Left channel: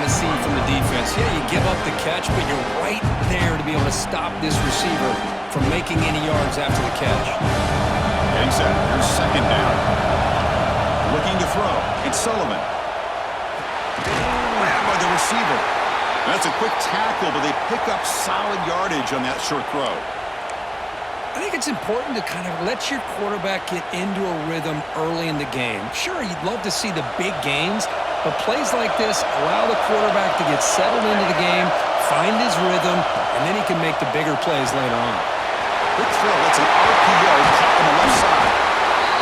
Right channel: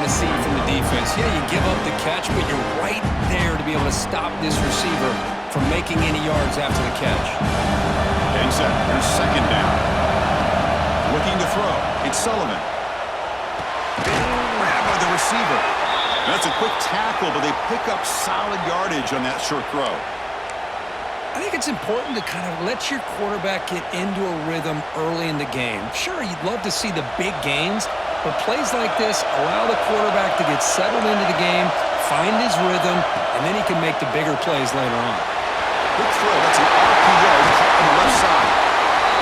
want to see from the defense. Yeah, you give up the catch, but you're right there to be able to stop this receiver from making any yards after the catch. Getting set. Here's second down. Looking to throw. It's Sullivan. Grabbed by the receiver. That's a quick tackle, but they pick up solid yardage on that short throw. I think it's important to kind of let your quarterback get into a rhythm early in the game. Sure, you'd love to see the big gains, but plays like this allow the quarterback to get settled into the game, find his rhythm, and then he can make the bigger plays later on. Quick throw. That's an RPO caught on the left side.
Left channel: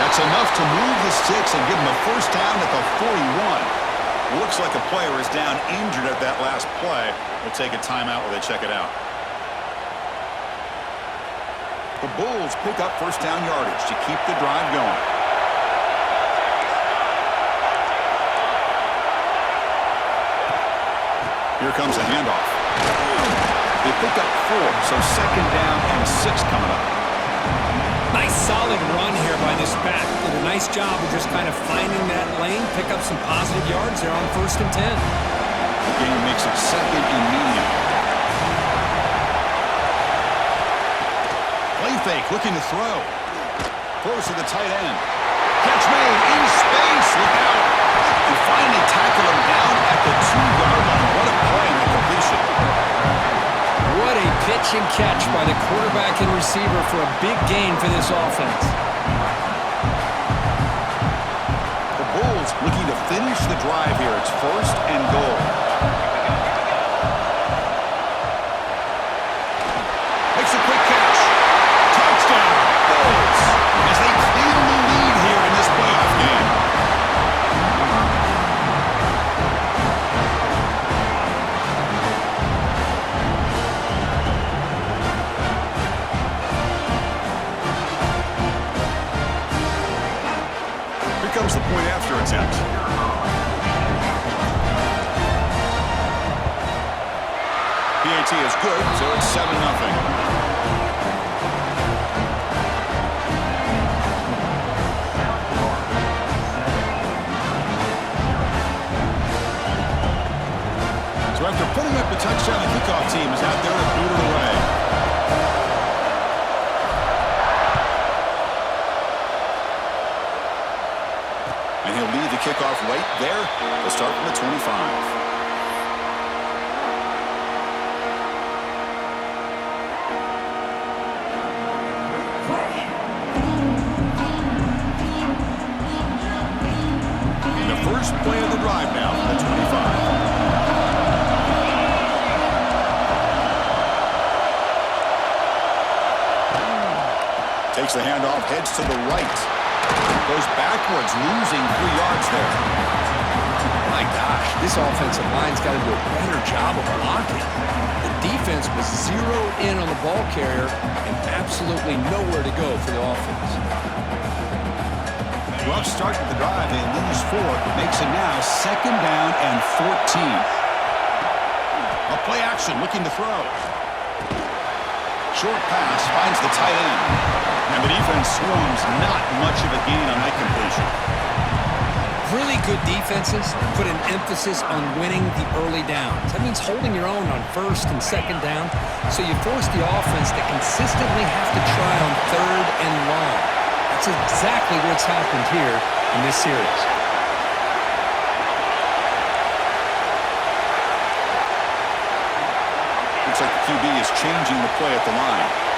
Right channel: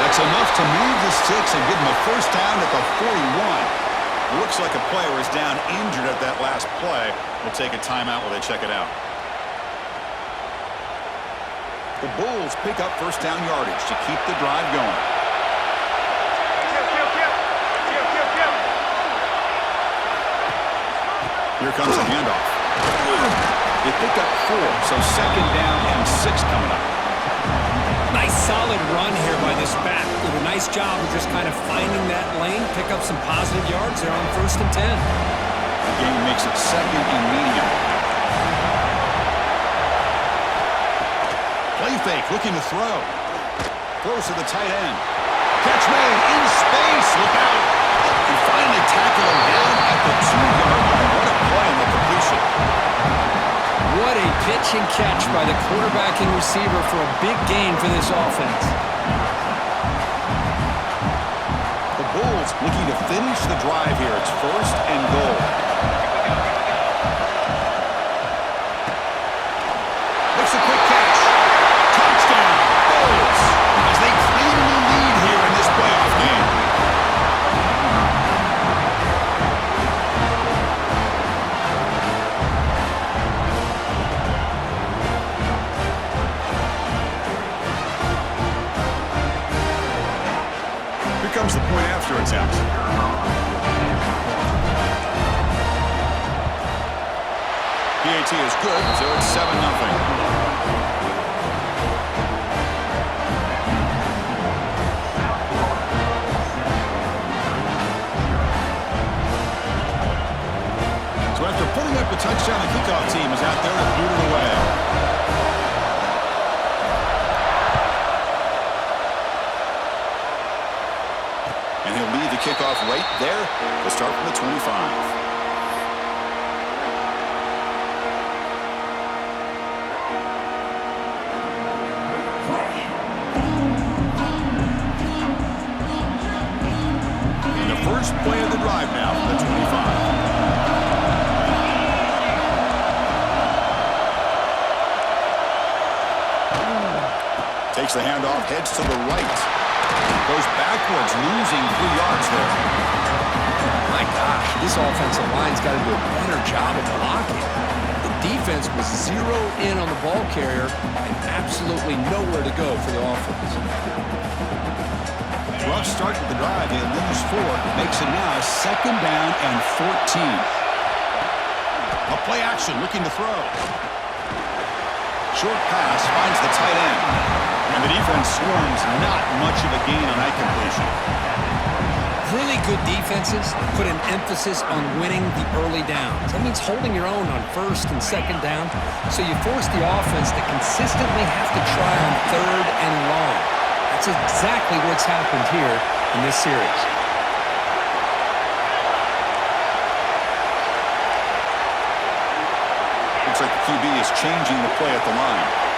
That's enough to move the sticks and give him a first down at the 41. Looks like a player is down injured at that last play. We'll take a timeout while they check it out. The Bulls pick up first down yardage to keep the drive going. Here comes the handoff. They pick up 4, so second down and 6 coming up. Nice solid run here by this back. Did a nice job of just kind of finding that lane, pick up some positive yards there on 1st and 10. The game makes it second and medium. Play fake, looking to throw. Throws to the tight end. Catch made in space. Look out. And finally tackle him down at the 2-yard line. What a play on that completion. What a pitch and catch by the quarterback and receiver for a big gain for this offense. The Bulls looking to finish the drive here. It's 1st and goal. Makes a quick catch. Touchdown, Bulls, as they claim the lead here in this playoff game. Here comes the point after attempt. PAT is good, so it's 7-0. So after putting up a touchdown, the kickoff team is out there to boot it away. And he'll lead the kickoff right there. They'll start from the 25. And the first play of the drive now from the 25. Takes the handoff, heads to the right. Goes backwards, losing 3 yards there. My gosh, this offensive line's got to do a better job of blocking. The defense was zeroed in on the ball carrier and absolutely nowhere to go for the offense. Rough start to the drive. They lose 4. Makes it now 2nd down and 14. A play action, looking to throw. Short pass finds the tight end. And the defense swarms, not much of a gain on that completion. Really good defenses put an emphasis on winning the early downs. That means holding your own on 1st and 2nd down. So you force the offense to consistently have to try on 3rd and long. That's exactly what's happened here in this series. Looks like the QB is changing the play at the line.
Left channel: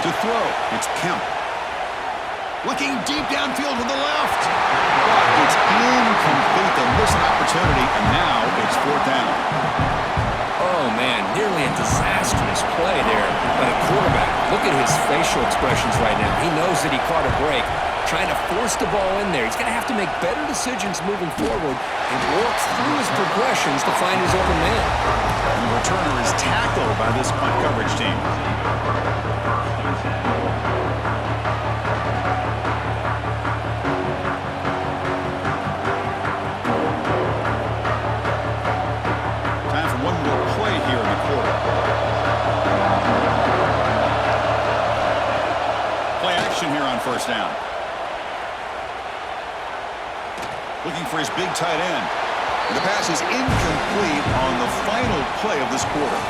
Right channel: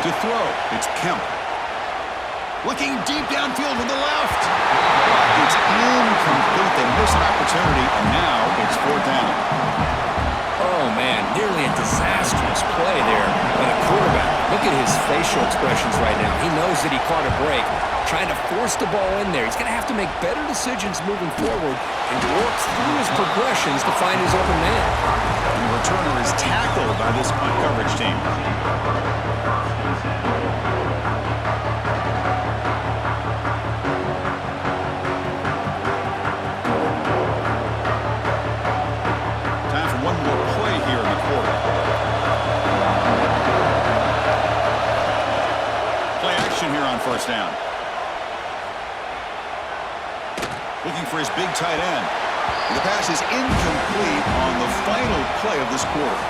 To throw, it's Kemp. Looking deep downfield to the left. But it's incomplete. They miss an opportunity, and now it's 4th down. Oh, man, nearly a disastrous play there by the quarterback. Look at his facial expressions right now. He knows that he caught a break, trying to force the ball in there. He's going to have to make better decisions moving forward and work through his progressions to find his open man. And the returner is tackled by this punt coverage team. Time for one more play here in the quarter. Play action here on 1st down. Looking for his big tight end. And the pass is incomplete on the final play of this quarter.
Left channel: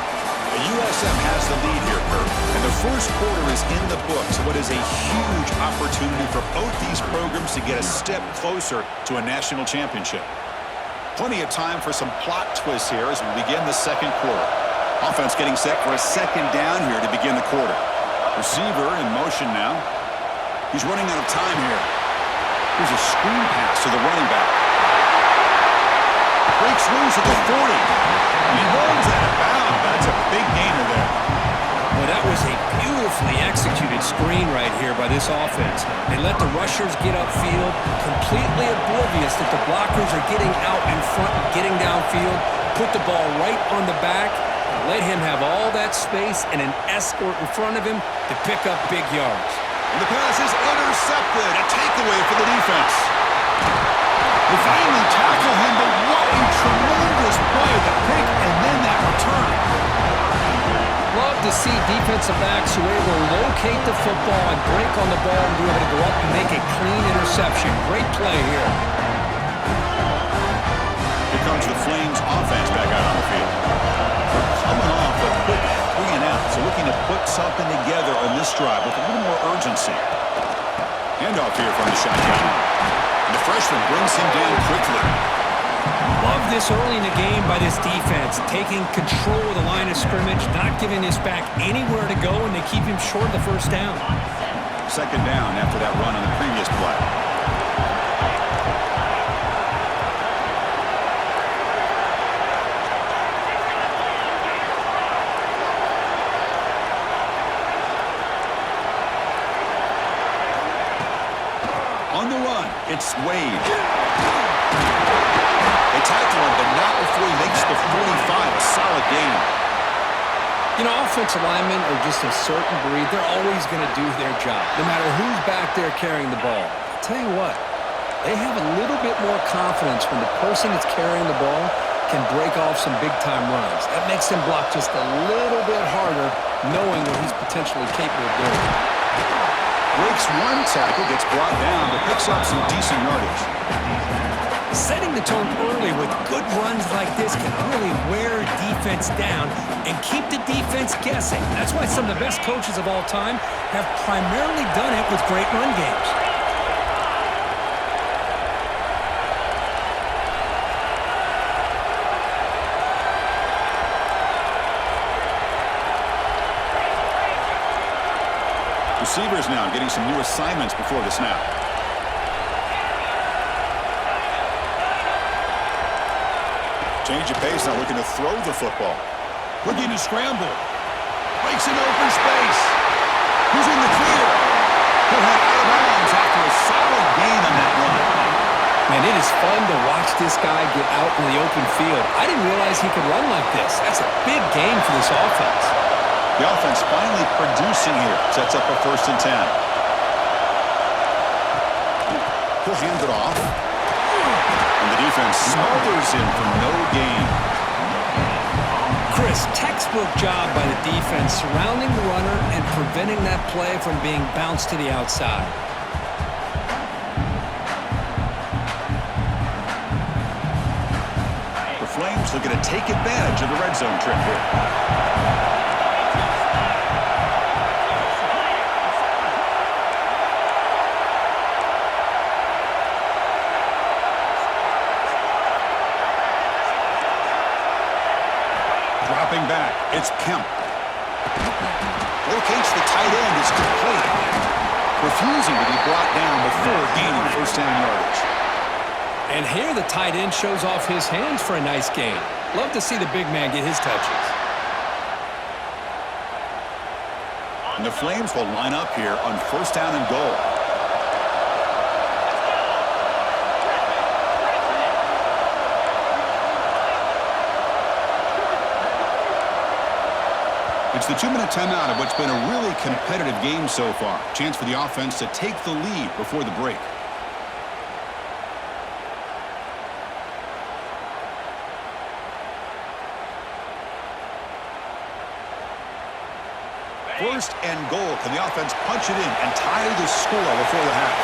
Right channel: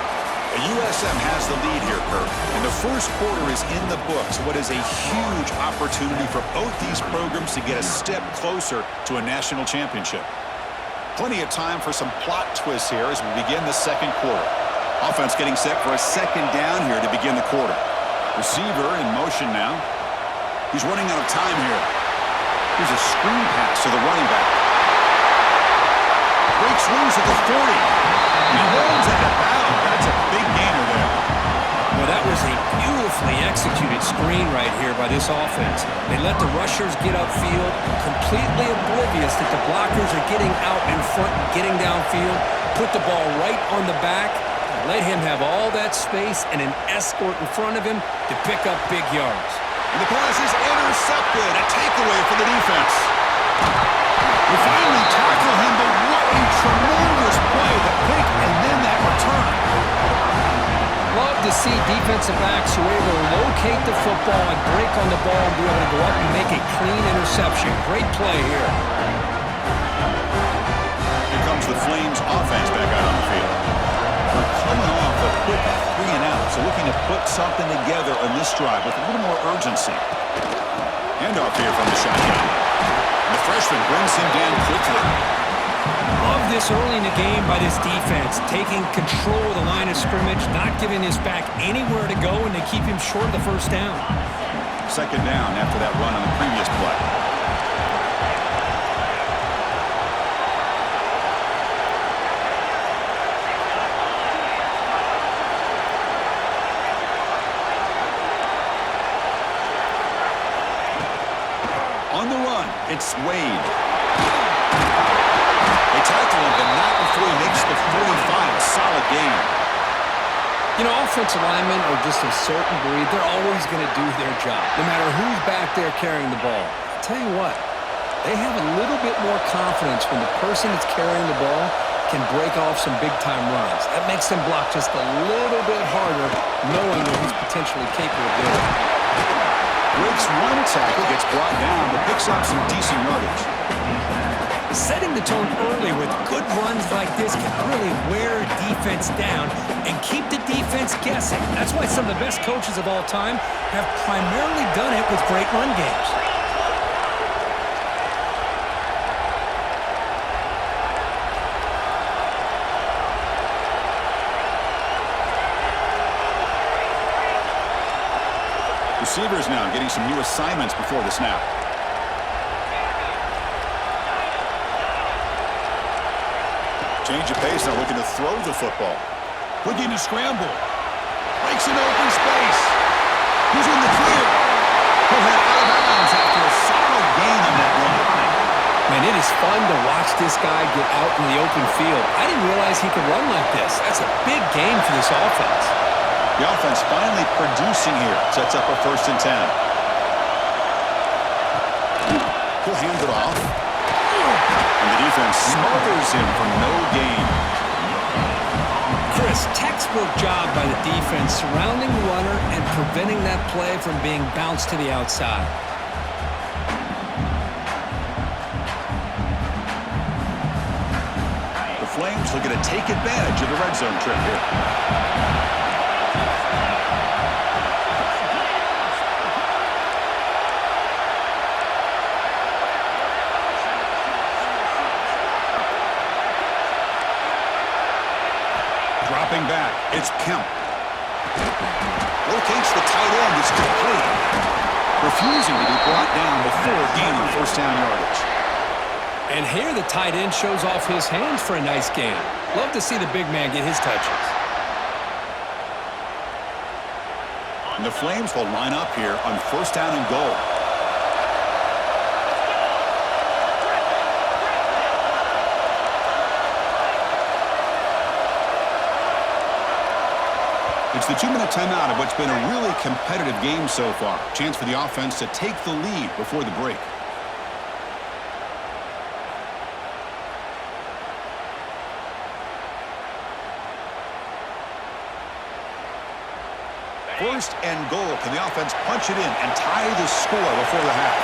The USM has the lead here, Kirk. And the first quarter is in the books. What is a huge opportunity for both these programs to get a step closer to a national championship. Plenty of time for some plot twists here as we begin the second quarter. Offense getting set for a second down here to begin the quarter. Receiver in motion now. He's running out of time here. Here's a screen pass to the running back. Breaks loose at the 40. He holds that at bound. That's a big gainer there. Well, that was a beautifully executed screen right here by this offense. They let the rushers get upfield, completely oblivious that the blockers are getting out in front and getting downfield, put the ball right on the back, and let him have all that space and an escort in front of him to pick up big yards. And the pass is intercepted. A takeaway for the defense. They finally tackle him, but what a tremendous play. The pick and then that return. Love to see defensive backs who are able to locate the football and break on the ball and be able to go up and make a clean interception. Great play here. Here comes the Flames offense back out on the field. We're coming off a quick 3 and out, so looking to put something together on this drive with a little more urgency. Handoff here from the shotgun. And the freshman brings him down quickly. Love this early in the game by this defense, taking control of the line of scrimmage, not giving this back anywhere to go, and they keep him short of the first down. Second down after that run on the previous play. On the run, it's Wade. They tackle him, but not before he makes the 45. A solid gain. You know, offensive linemen are just a certain breed. They're always going to do their job, no matter who's back there carrying the ball. I'll tell you what, they have a little bit more confidence when the person that's carrying the ball can break off some big-time runs. That makes them block just a little bit harder, knowing what he's potentially capable of doing. Breaks one tackle, gets brought down, but picks up some decent yardage. Setting the tone early with good runs like this can really wear defense down and keep the defense guessing. That's why some of the best coaches of all time have primarily done it with great run games. Receivers now getting some new assignments before the snap. Change of pace now, looking to throw the football. Looking to scramble. Breaks an open space. He's in the clear. He'll head out of bounds after a solid gain on that run. Man, it is fun to watch this guy get out in the open field. I didn't realize he could run like this. That's a big gain for this offense. The offense finally producing here. Sets up a 1st and 10. He'll hand it off. And the defense smothers him for no gain. Chris, textbook job by the defense surrounding the runner and preventing that play from being bounced to the outside. The Flames looking to take advantage of the red zone trip here. Dropping back, it's Kemp. Locates the tight end, it's complete. Refusing to be brought down before gaining 1st down yardage. And here the tight end shows off his hands for a nice gain. Love to see the big man get his touches. And the Flames will line up here on 1st down and goal. It's the 2-minute timeout of what's been a really competitive game so far. Chance for the offense to take the lead before the break. First and goal. Can the offense punch it in and tie the score before the half?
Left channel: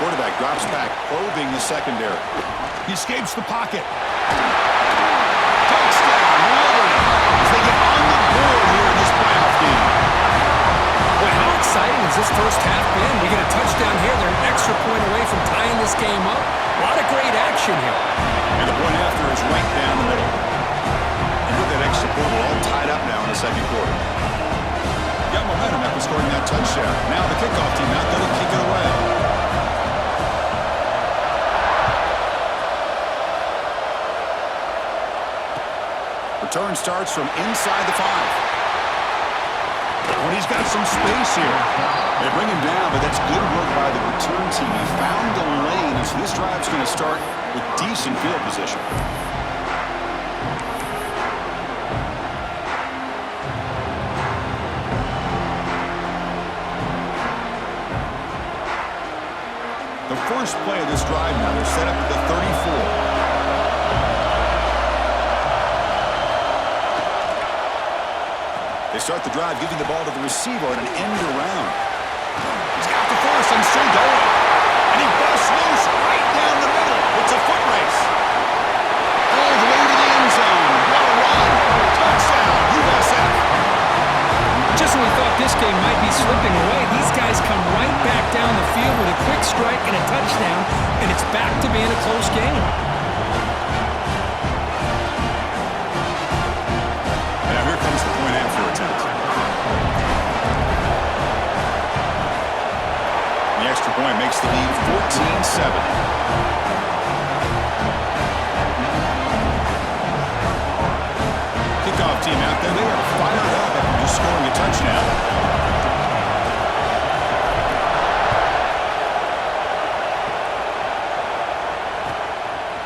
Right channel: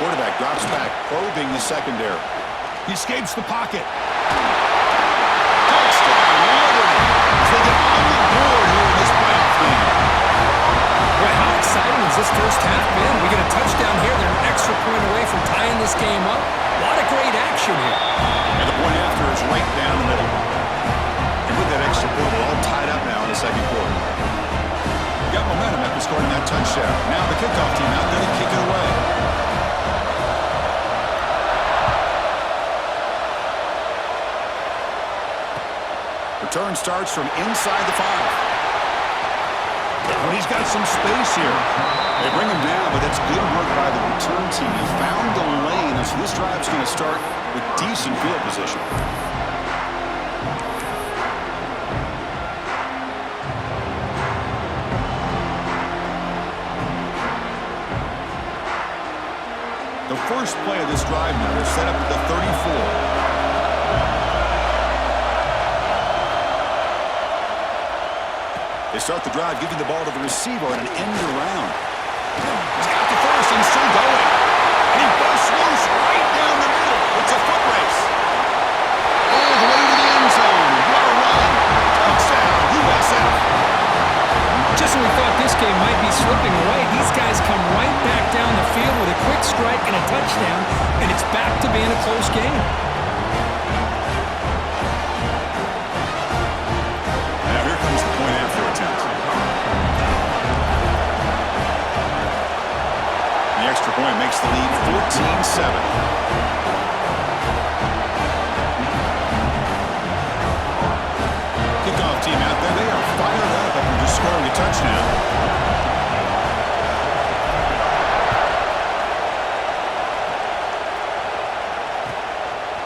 Quarterback drops back, probing the secondary. He escapes the pocket. Touchdown, Liberty, as they get on the board here in this playoff game. Boy, how exciting has this first half been? We get a touchdown here. They're an extra point away from tying this game up. A lot of great action here. And the point after is right down the middle. And with that extra point, we're all tied up now in the second quarter. Got momentum after scoring that touchdown. Now the kickoff team out there to kick it away. Return starts from inside the 5. But he's got some space here. They bring him down, but that's good work by the return team. He found the lane, and so this drive's going to start with decent field position. The first play of this drive now, they're set up at the 34. They start the drive, giving the ball to the receiver at an end around. He's got the first and still going. And he busts loose right down the middle. It's a foot race. All the way to the end zone. What a run. Touchdown, USF. Just when we thought this game might be slipping away, these guys come right back down the field with a quick strike and a touchdown, and it's back to being a close game. Now here comes the point after attempt. The extra point makes the lead 14-7. Kickoff team out there. They are fired up after just scoring a touchdown.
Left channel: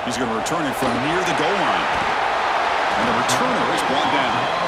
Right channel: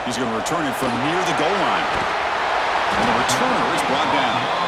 He's going to return it from near the goal line. And the returner is brought down.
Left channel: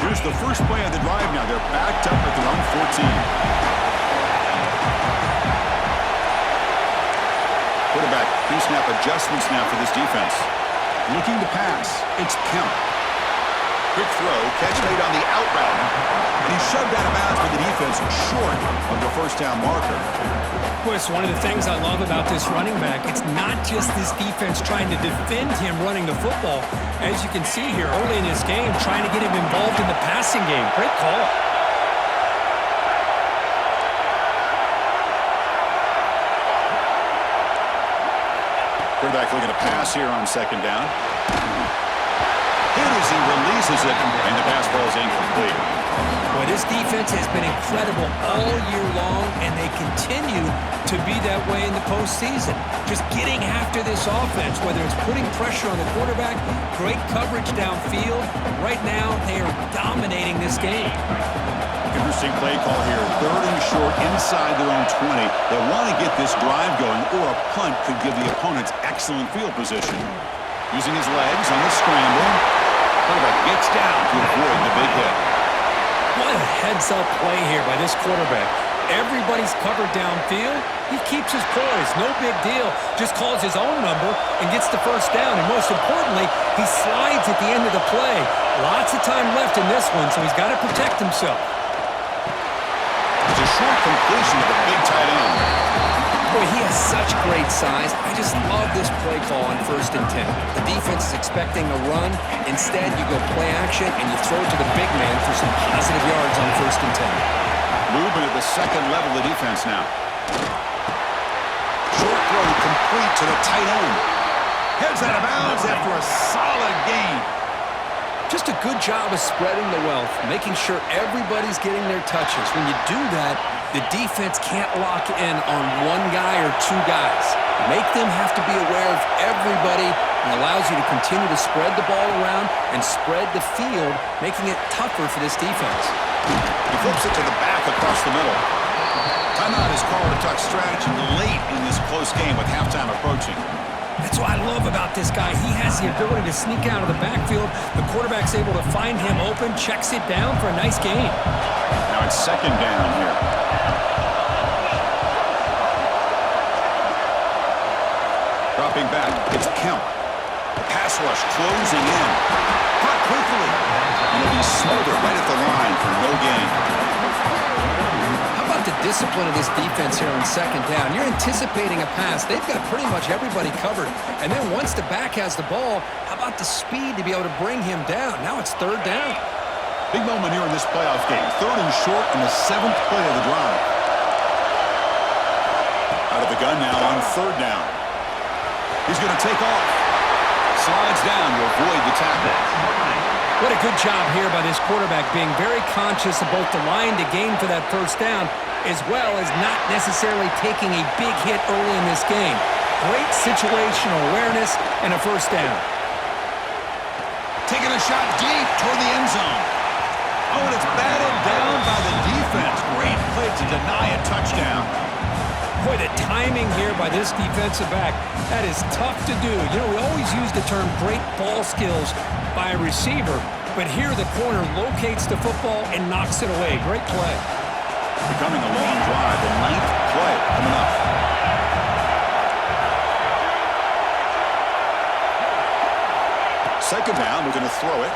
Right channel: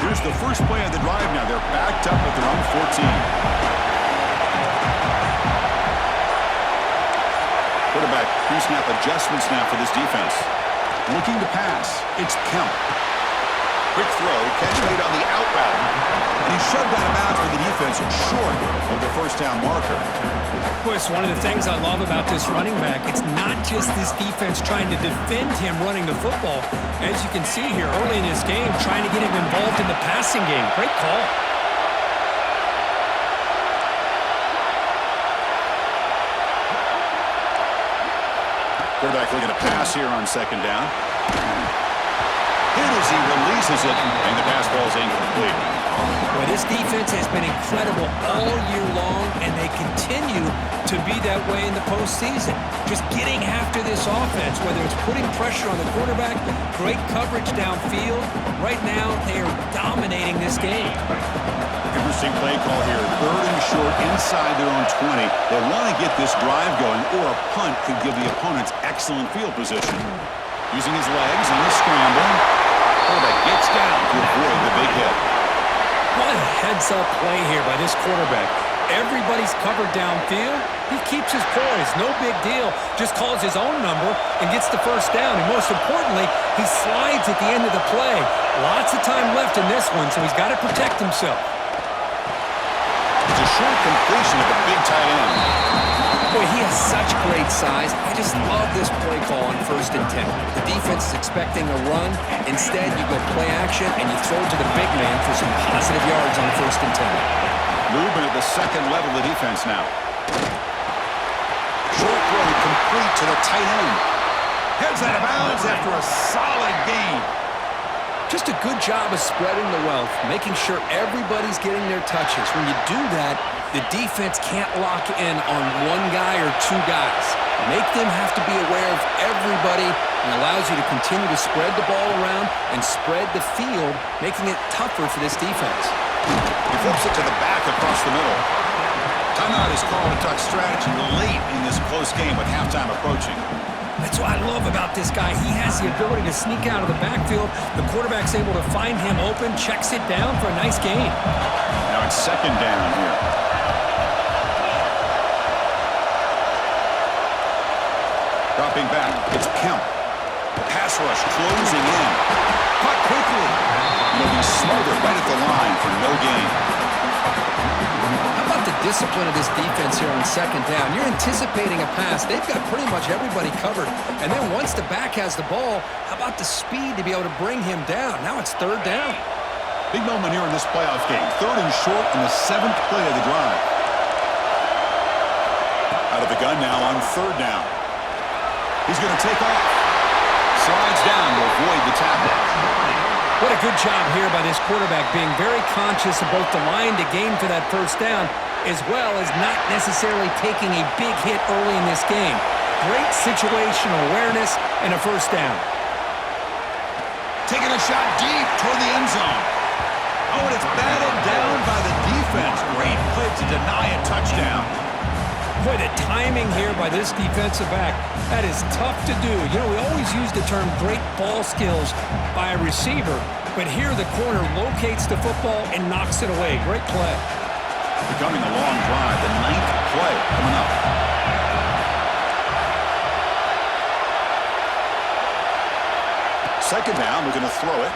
Here's the first play of the drive now. They're backed up at their own 14. Quarterback pre-snap adjustments now for this defense. Looking to pass. It's Kemp. Quick throw, catch made on the out route. And he's shoved out of bounds with the defense short of the first down marker. Boy, it's one of the things I love about this running back. It's not just this defense trying to defend him running the football. As you can see here early in this game, trying to get him involved in the passing game. Great call. Quarterback looking to pass here on second down. Hit as he releases it, and the pass ball is incomplete. Boy, this defense has been incredible all year long, and they continue to be that way in the postseason. Just getting after this offense, whether it's putting pressure on the quarterback, great coverage downfield. Right now, they are dominating this game. Interesting play call here. 3rd and short inside their own 20. They want to get this drive going, or a punt could give the opponents excellent field position. Using his legs on the scramble. Quarterback gets down to avoid the big hit. What a heads-up play here by this quarterback. Everybody's covered downfield. He keeps his poise. No big deal. Just calls his own number and gets the first down. And most importantly, he slides at the end of the play. Lots of time left in this one, so he's got to protect himself. It's a short completion of the big tight end. Boy, he has such great size. I just love this play call on 1st and 10. The defense is expecting a run. Instead, you go play action, and you throw it to the big man for some positive yards on 1st and 10. Movement at the second level of the defense now. Short throw complete to the tight end. Heads out of bounds after a solid gain. Just a good job of spreading the wealth, making sure everybody's getting their touches. When you do that, the defense can't lock in on one guy or two guys. Make them have to be aware of everybody, and allows you to continue to spread the ball around and spread the field, making it tougher for this defense. He flips it to the back across the middle. Timeout is called to talk strategy late in this close game with halftime approaching. That's what I love about this guy. He has the ability to sneak out of the backfield. The quarterback's able to find him open, checks it down for a nice gain. Now it's second down here. Dropping back, it's Kemp. The pass rush closing in. Caught quickly. He'll be smothered right at the line for no gain. How about the discipline of this defense here on second down? You're anticipating a pass. They've got pretty much everybody covered. And then once the back has the ball, how about the speed to be able to bring him down? Now it's third down. Big moment here in this playoff game. Third and short in the 7th play of the drive. Out of the gun now on third down. He's going to take off. Slides down to avoid the tackle. What a good job here by this quarterback, being very conscious of both the line to gain for that first down, as well as not necessarily taking a big hit early in this game. Great situational awareness and a first down. Taking a shot deep toward the end zone. Oh, and it's batted down by the defense. Great play to deny a touchdown. Boy, the timing here by this defensive back, that is tough to do. You know, we always use the term great ball skills by a receiver, but here the corner locates the football and knocks it away. Great play. Becoming a long drive, the 9th play coming up. Second down, looking to throw it.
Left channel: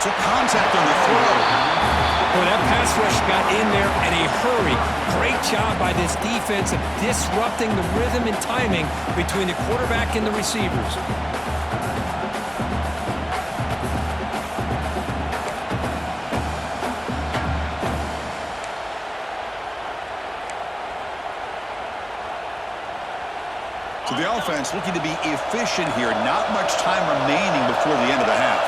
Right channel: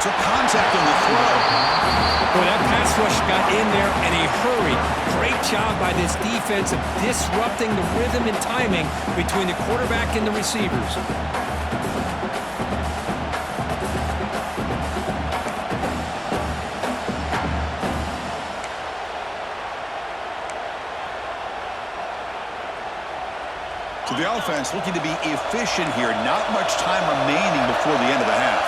Took contact on the throw. Boy, that pass rush got in there in a hurry. Great job by this defense of disrupting the rhythm and timing between the quarterback and the receivers. So the offense looking to be efficient here. Not much time remaining before the end of the half.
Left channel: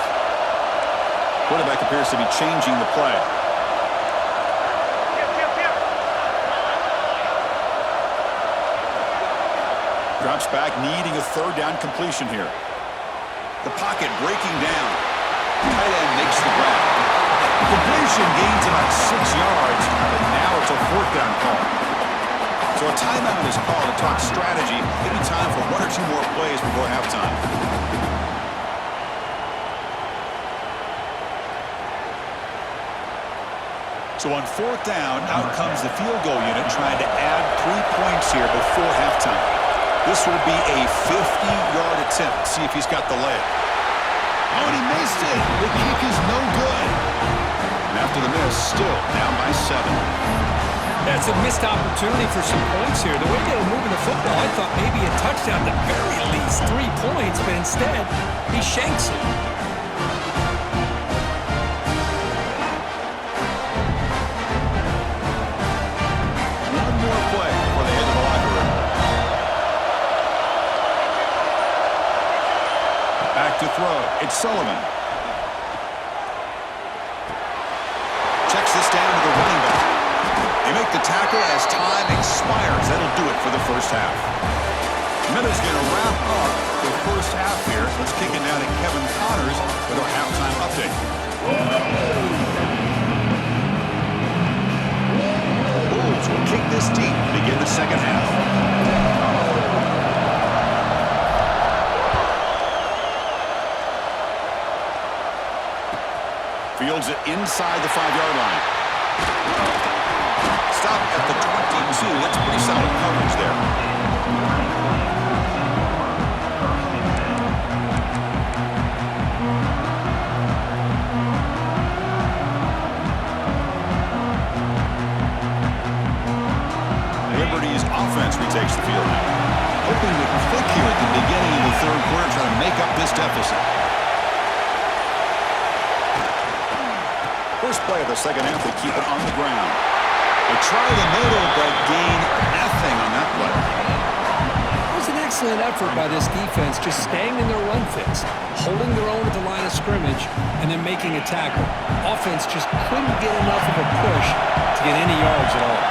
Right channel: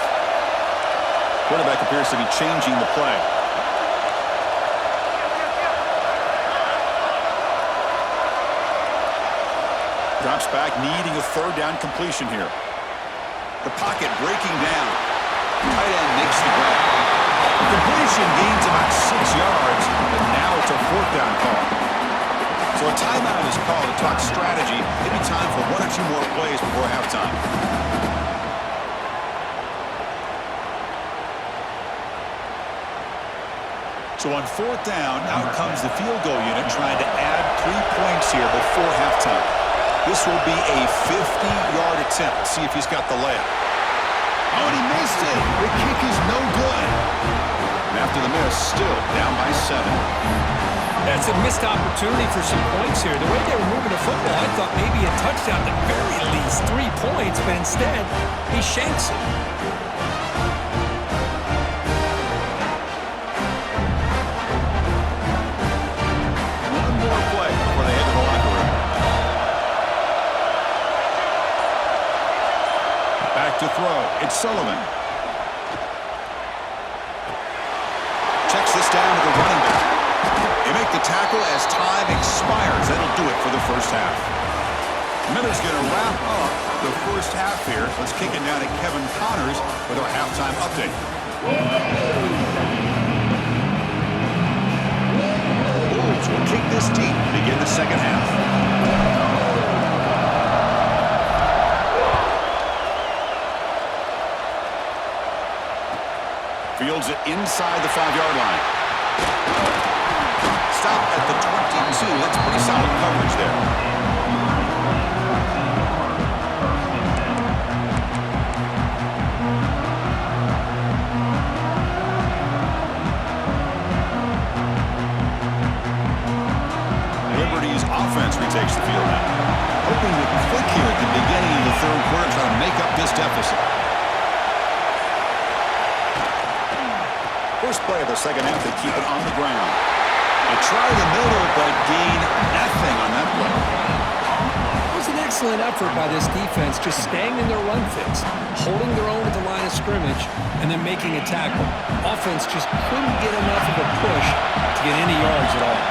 Quarterback appears to be changing the play. Drops back, needing a third down completion here. The pocket breaking down. Tight end makes the grab. Completion gains about 6 yards, but now it's a fourth down call. So a timeout is called to talk strategy. Maybe time for 1 or 2 more plays before halftime. So on fourth down, out comes the field goal unit trying to add 3 points here before halftime. This will be a 50-yard attempt. Let's see if he's got the layup. Oh, and he missed it. The kick is no good. And after the miss, still down by 7. That's a missed opportunity for some points here. The way they were moving the football, I thought maybe a touchdown, at the very least 3 points, but instead, he shanks it. One more play before they head to the locker room. Back to throw. It's Sullivan. Checks this down to the running back. They make the tackle as time expires. That'll do it for the first half. Miller's going to wrap up the first half here. Let's kick it down to Kevin Connors with our halftime update. Wolves will kick this deep to begin the second half. Fields it inside the 5-yard line. Stop at the 22. That's pretty solid coverage there. Liberty's offense retakes the field now. Hoping to click here at the beginning of the third quarter, trying to make up this deficit. First play of the second half, they keep it on the ground. They try the middle, but gain nothing on that play. It was an excellent effort by this defense, just staying in their run fits, holding their own at the line of scrimmage, and then making a tackle. Offense just couldn't get enough of a push to get any yards at all.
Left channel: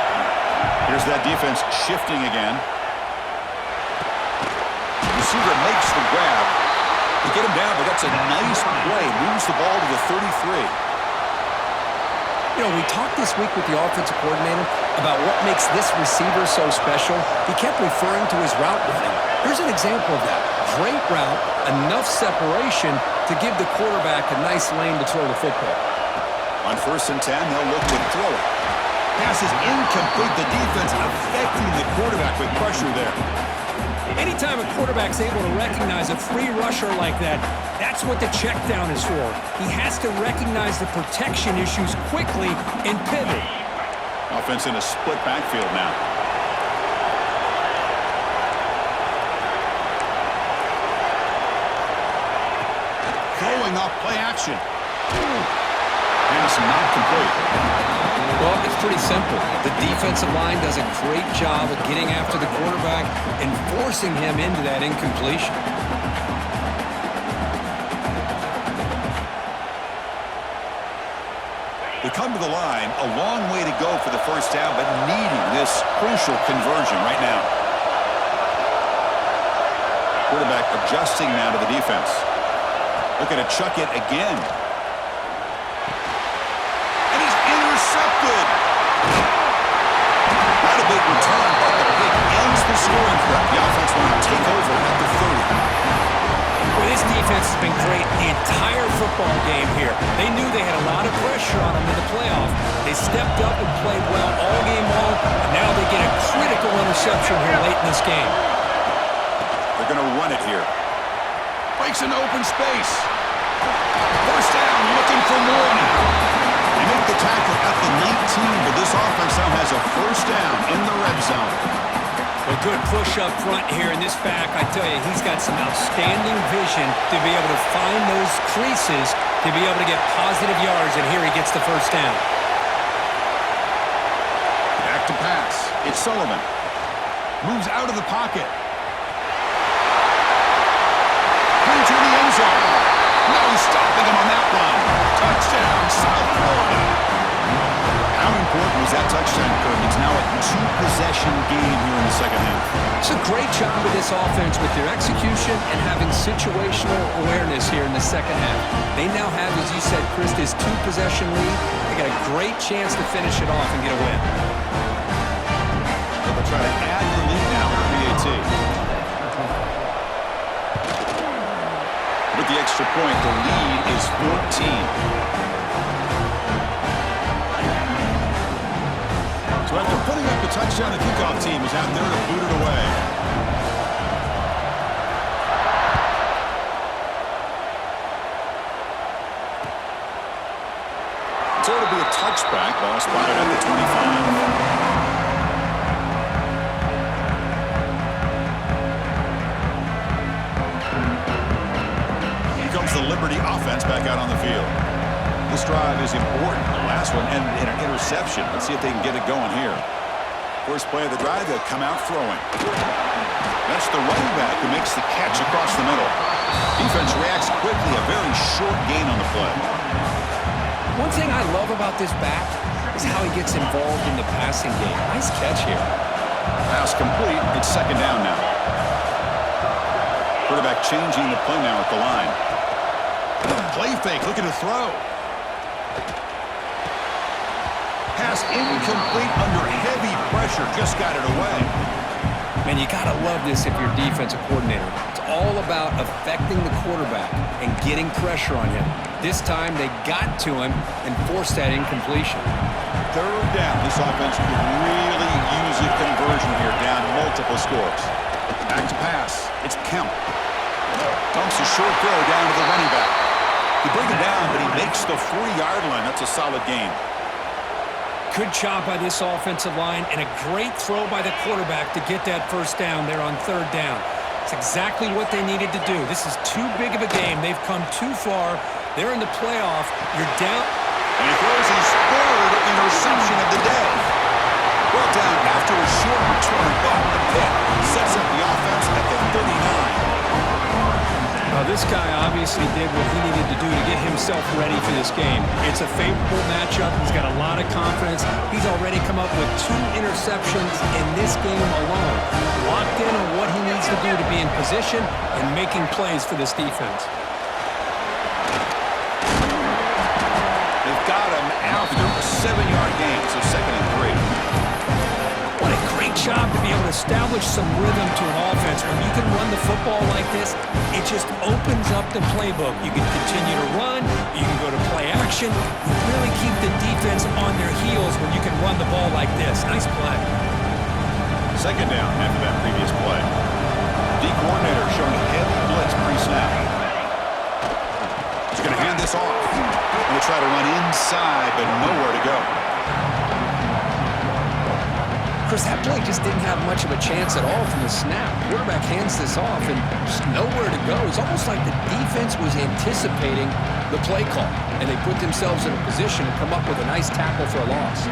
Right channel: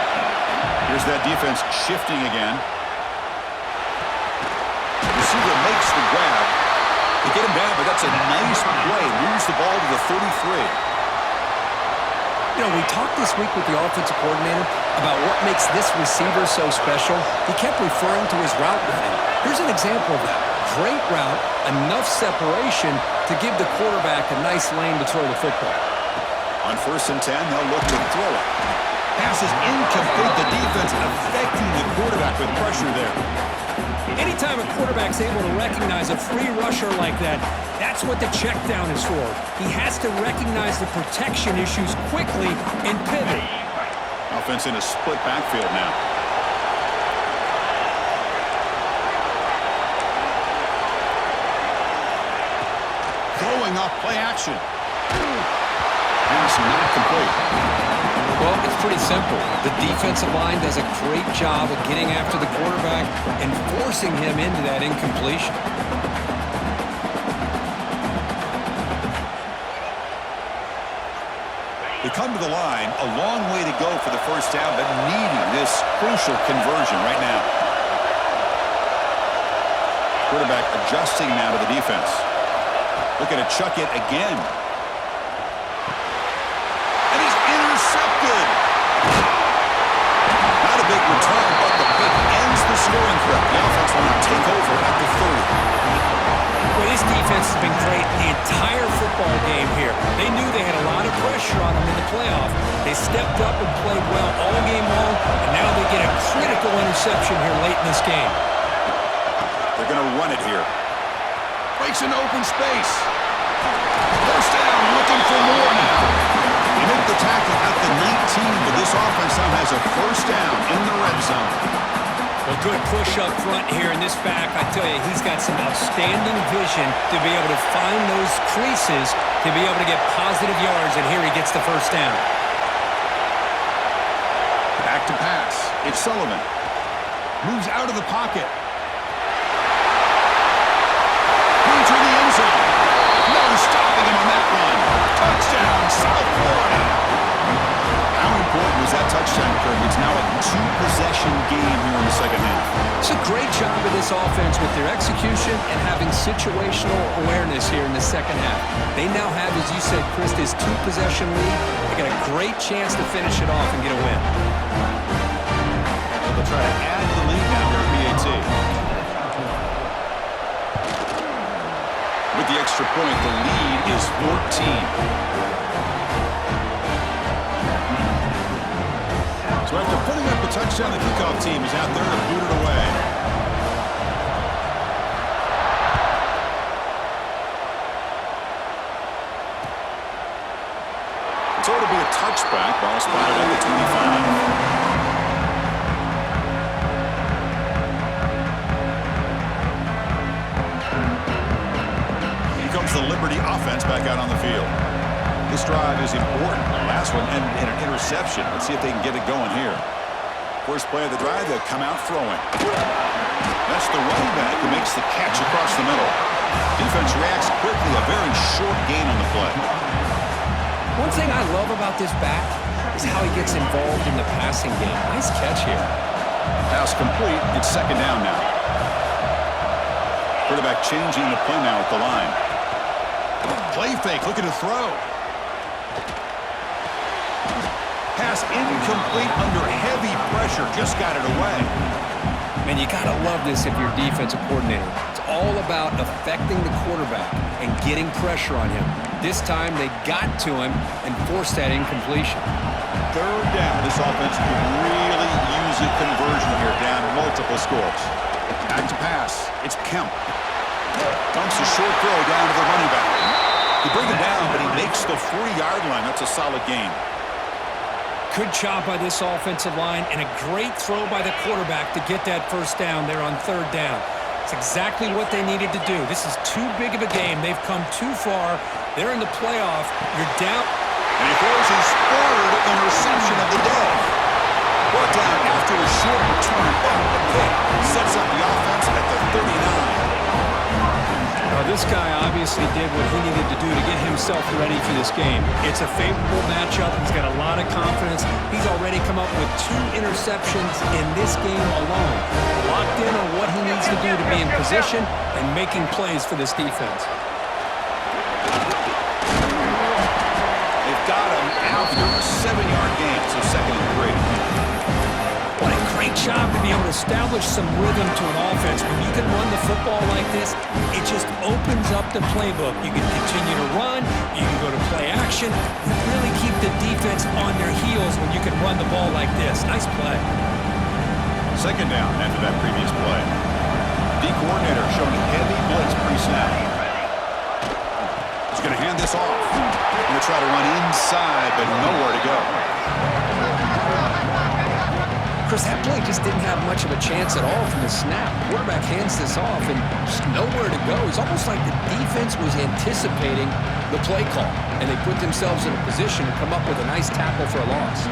Here's that defense shifting again. Receiver makes the grab. They get him down, but that's a nice play. Moves the ball to the 33. You know, we talked this week with the offensive coordinator about what makes this receiver so special, he kept referring to his route running. Here's an example of that. Great route, enough separation to give the quarterback a nice lane to throw the football. On 1st and 10, they'll look to throw it. Pass is incomplete. The defense affecting the quarterback with pressure there. Anytime a quarterback's able to recognize a free rusher like that, that's what the check down is for. He has to recognize the protection issues quickly and pivot. Offense in a split backfield now. Throwing off play action. Pass not complete. Well, it's pretty simple. The defensive line does a great job of getting after the quarterback and forcing him into that incompletion. They come to the line, a long way to go for the first down, but needing this crucial conversion right now. Quarterback adjusting now to the defense. Looking to chuck it again. And he's intercepted. Not a big return, but the pick ends the scoring threat. The offense will now take over at the 30. Well, this defense has been great the entire football game here. They knew they had a lot of pressure on them in the playoff. They stepped up and played well all game long, and now they get a critical interception here late in this game. They're going to run it here. Breaks an open space. First down, looking for more now. They make the tackle at the 19, but this offense now has a first down in the red zone. A good push up front here in this back. I tell you, he's got some outstanding vision to be able to find those creases to be able to get positive yards, and here he gets the first down. Back to pass. It's Sullivan. Moves out of the pocket. Into the end zone. No stopping him on that run. Touchdown, South Florida. How important was that touchdown, Kirk? It's now a two-possession game here in the second half. It's a great job of this offense with their execution and having situational awareness here in the second half. They now have, as you said, Chris, this two-possession lead. They got a great chance to finish it off and get a win. So they'll try to add to the lead now with PAT. With the extra point, the lead is 14. So after putting up the touchdown, the kickoff team is out there to boot it away. So it'll be a touchback. Ball spotted at the 25. Here comes the Liberty offense back out on the field. This drive is important. The last one ended in an interception. Let's see if they can get it going here. First play of the drive, they'll come out throwing. That's the running back who makes the catch across the middle. Defense reacts quickly, a very short gain on the play. One thing I love about this back is how he gets involved in the passing game. Nice catch here. Pass complete. It's second down now. Quarterback changing the play now at the line. Play fake, looking to throw. Pass incomplete under heavy pressure. Just got it away. Man, you got to love this if you're a defensive coordinator. It's all about affecting the quarterback and getting pressure on him. This time, they got to him and forced that incompletion. Third down. This offense could really use a conversion here, down multiple scores. Back to pass. It's Kemp. Dumps a short throw down to the running back. He bring him down, but he makes the 40-yard line. That's a solid gain. Good job by this offensive line and a great throw by the quarterback to get that first down there on third down. It's exactly what they needed to do. This is too big of a game. They've come too far. They're in the playoff. You're down. And he throws his third interception of the day. Brought down after a short return, but the pick sets up the offense at the 39. This guy obviously did what he needed to do to get himself ready for this game. It's a favorable matchup. He's got a lot of confidence. He's already come up with 2 interceptions in this game alone. Locked in on what he needs to do to be in position and making plays for this defense. They've got him after a 7-yard gain, so 2nd and 3. Great job to be able to establish some rhythm to an offense. When you can run the football like this, it just opens up the playbook. You can continue to run. You can go to play action. You really keep the defense on their heels when you can run the ball like this. Nice play. Second down after that previous play. The coordinator showing heavy blitz pre-snap. He's going to hand this off. Going to try to run inside, but nowhere to go. Chris, that play just didn't have much of a chance at all from the snap. Quarterback hands this off and just nowhere to go. It's almost like the defense was anticipating the play call, and they put themselves in a position to come up with a nice tackle for a loss.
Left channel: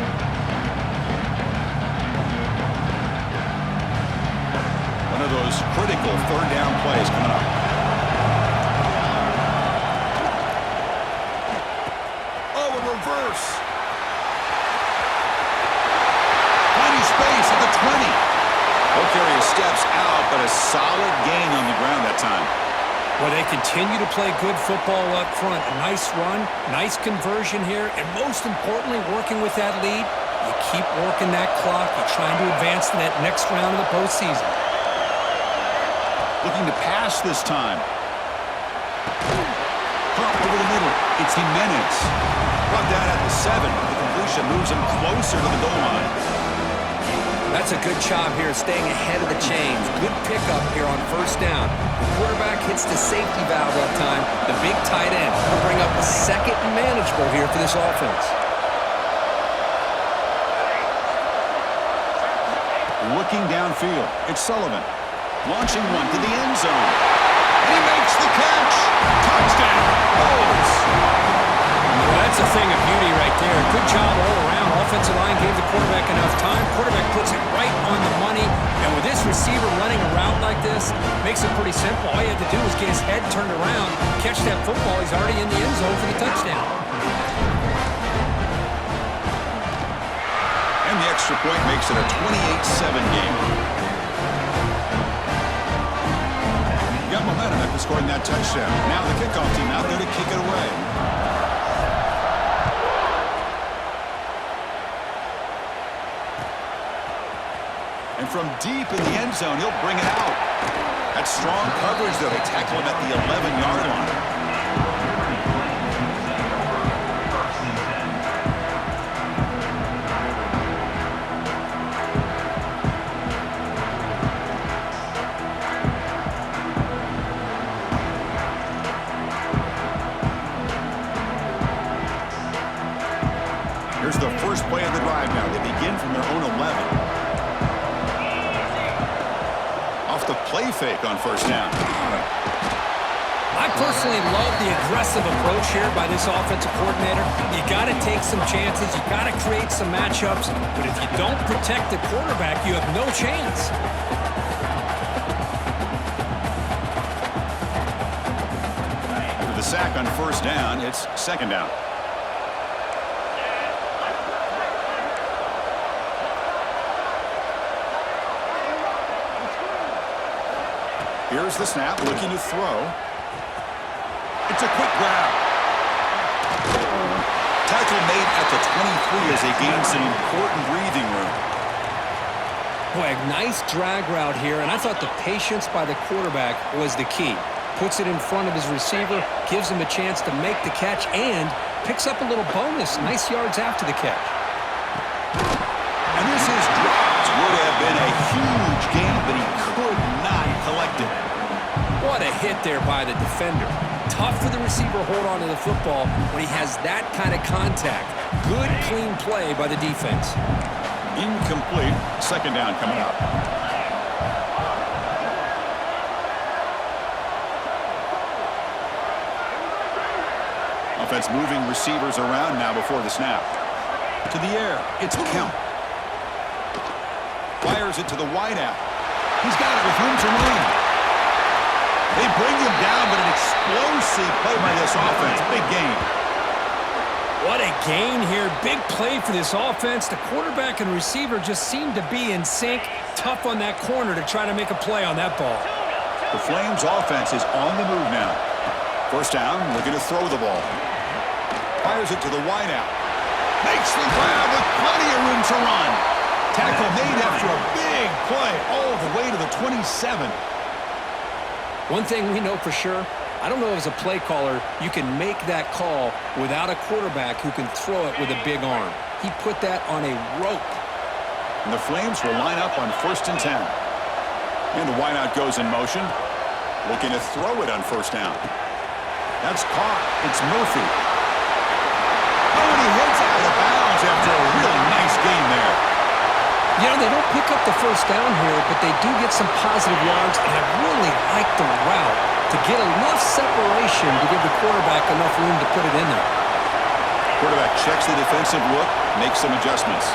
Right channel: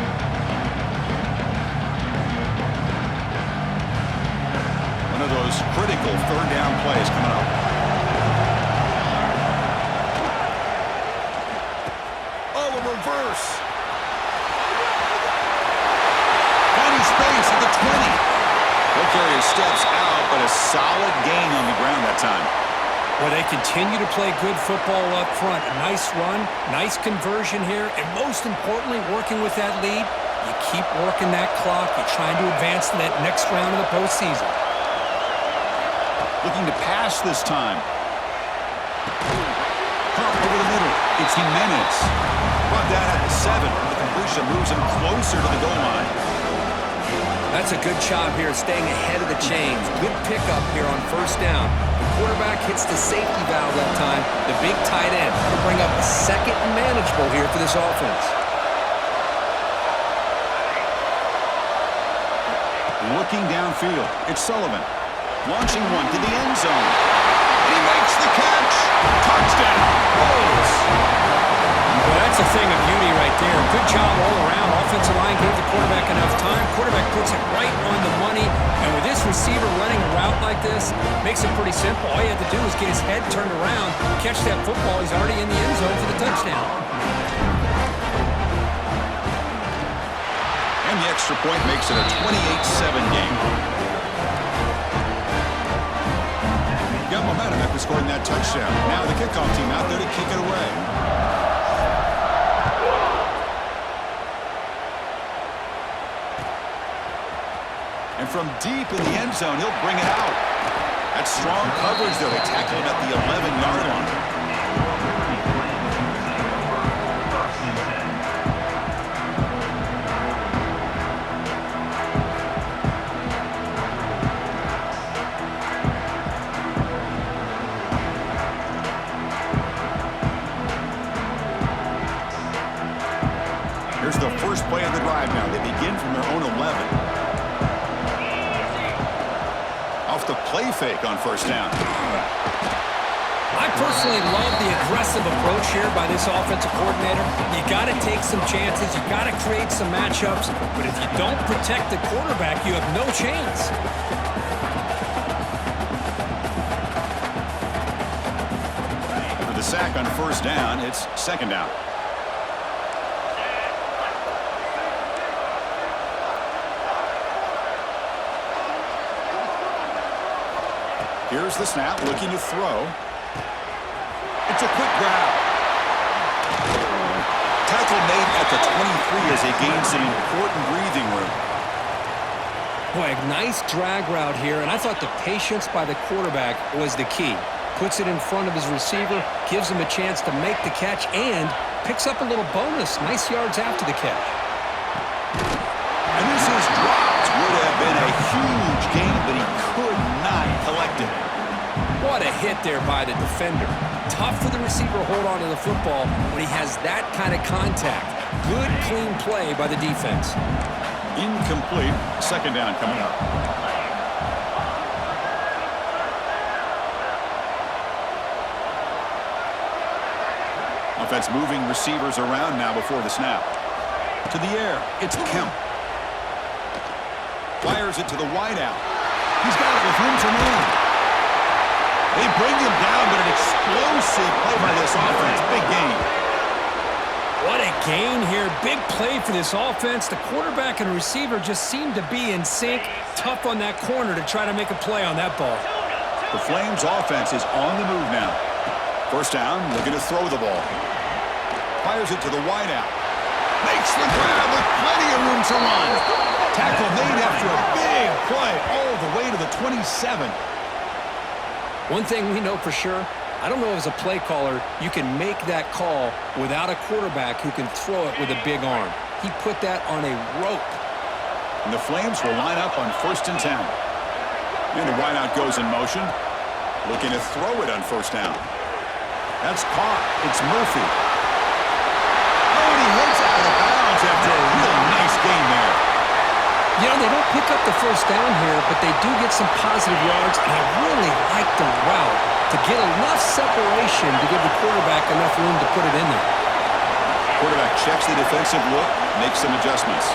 One of those critical third down plays coming up. Oh, a reverse. Space at the 20. Ball carrier steps out, but a solid gain on the ground that time. Well, they continue to play good football up front. A nice run, nice conversion here, and most importantly, working with that lead, you keep working that clock. You're trying to advance to that next round of the postseason. Looking to pass this time. Pump over the middle. It's Jimenez. Brought down at the 7. The completion moves him closer to the goal line. That's a good job here, staying ahead of the chains. Good pickup here on first down. The quarterback hits the safety valve that time. The big tight end. That'll bring up a second and manageable here for this offense. Looking downfield, it's Sullivan. Launching one to the end zone. And he makes the catch. Touchdown. Bulls. Well, that's a thing of beauty right there. Good job all around. Offensive line gave the quarterback enough time. Quarterback puts it right on the money. And with this receiver running a route like this, makes it pretty simple. All you had to do was get his head turned around, catch that football. He's already in the end zone for the touchdown. And the extra point makes it a 28-7 game. You got momentum after scoring that touchdown. Now the kickoff team out there to kick it away. And from deep in the end zone, he'll bring it out. That's strong coverage, though. They tackle him at the 11-yard line. Here's the first play of the drive now. They begin from their own 11. Off the play fake on first down. I personally love the aggressive approach here by this offensive coordinator. You got to take some chances. You got to create some matchups. But if you don't protect the quarterback, you have no chance. After the sack on first down, it's second down. Here's the snap, looking to throw. It's a quick grab. Tackle made at the 23 as they gain some important breathing room. Boy, a nice drag route here, and I thought the patience by the quarterback was the key. Puts it in front of his receiver, gives him a chance to make the catch, and picks up a little bonus. Nice yards after the catch. And this is dropped. Would have been a huge gain, but he could not collect it. What a hit there by the defender. Tough for the receiver to hold on to the football when he has that kind of contact. Good, clean play by the defense. Incomplete. Second down coming up. Offense moving receivers around now before the snap. To the air, it's Kemp. Fires it to the wideout. He's got it with room to run. They bring him down, but an explosive play by this offense. Big gain. What a gain here. Big play for this offense. The quarterback and receiver just seem to be in sync. Tough on that corner to try to make a play on that ball. The Flames offense is on the move now. First down, looking to throw the ball. Fires it to the wideout. Makes the grab with plenty of room to run. Tackle made after a big play all the way to the 27. One thing we know for sure, I don't know as a play caller, you can make that call without a quarterback who can throw it with a big arm. He put that on a rope. And the Flames will line up on 1st and 10. And the wideout goes in motion. Looking to throw it on 1st down. That's caught. It's Murphy. Oh, and he heads out of bounds after a really nice gain there. You know, they don't pick up the 1st down here, but they do get some positive yards, and I really like the route to get enough separation to give the quarterback enough room to put it in there. Quarterback checks the defensive look, makes some adjustments.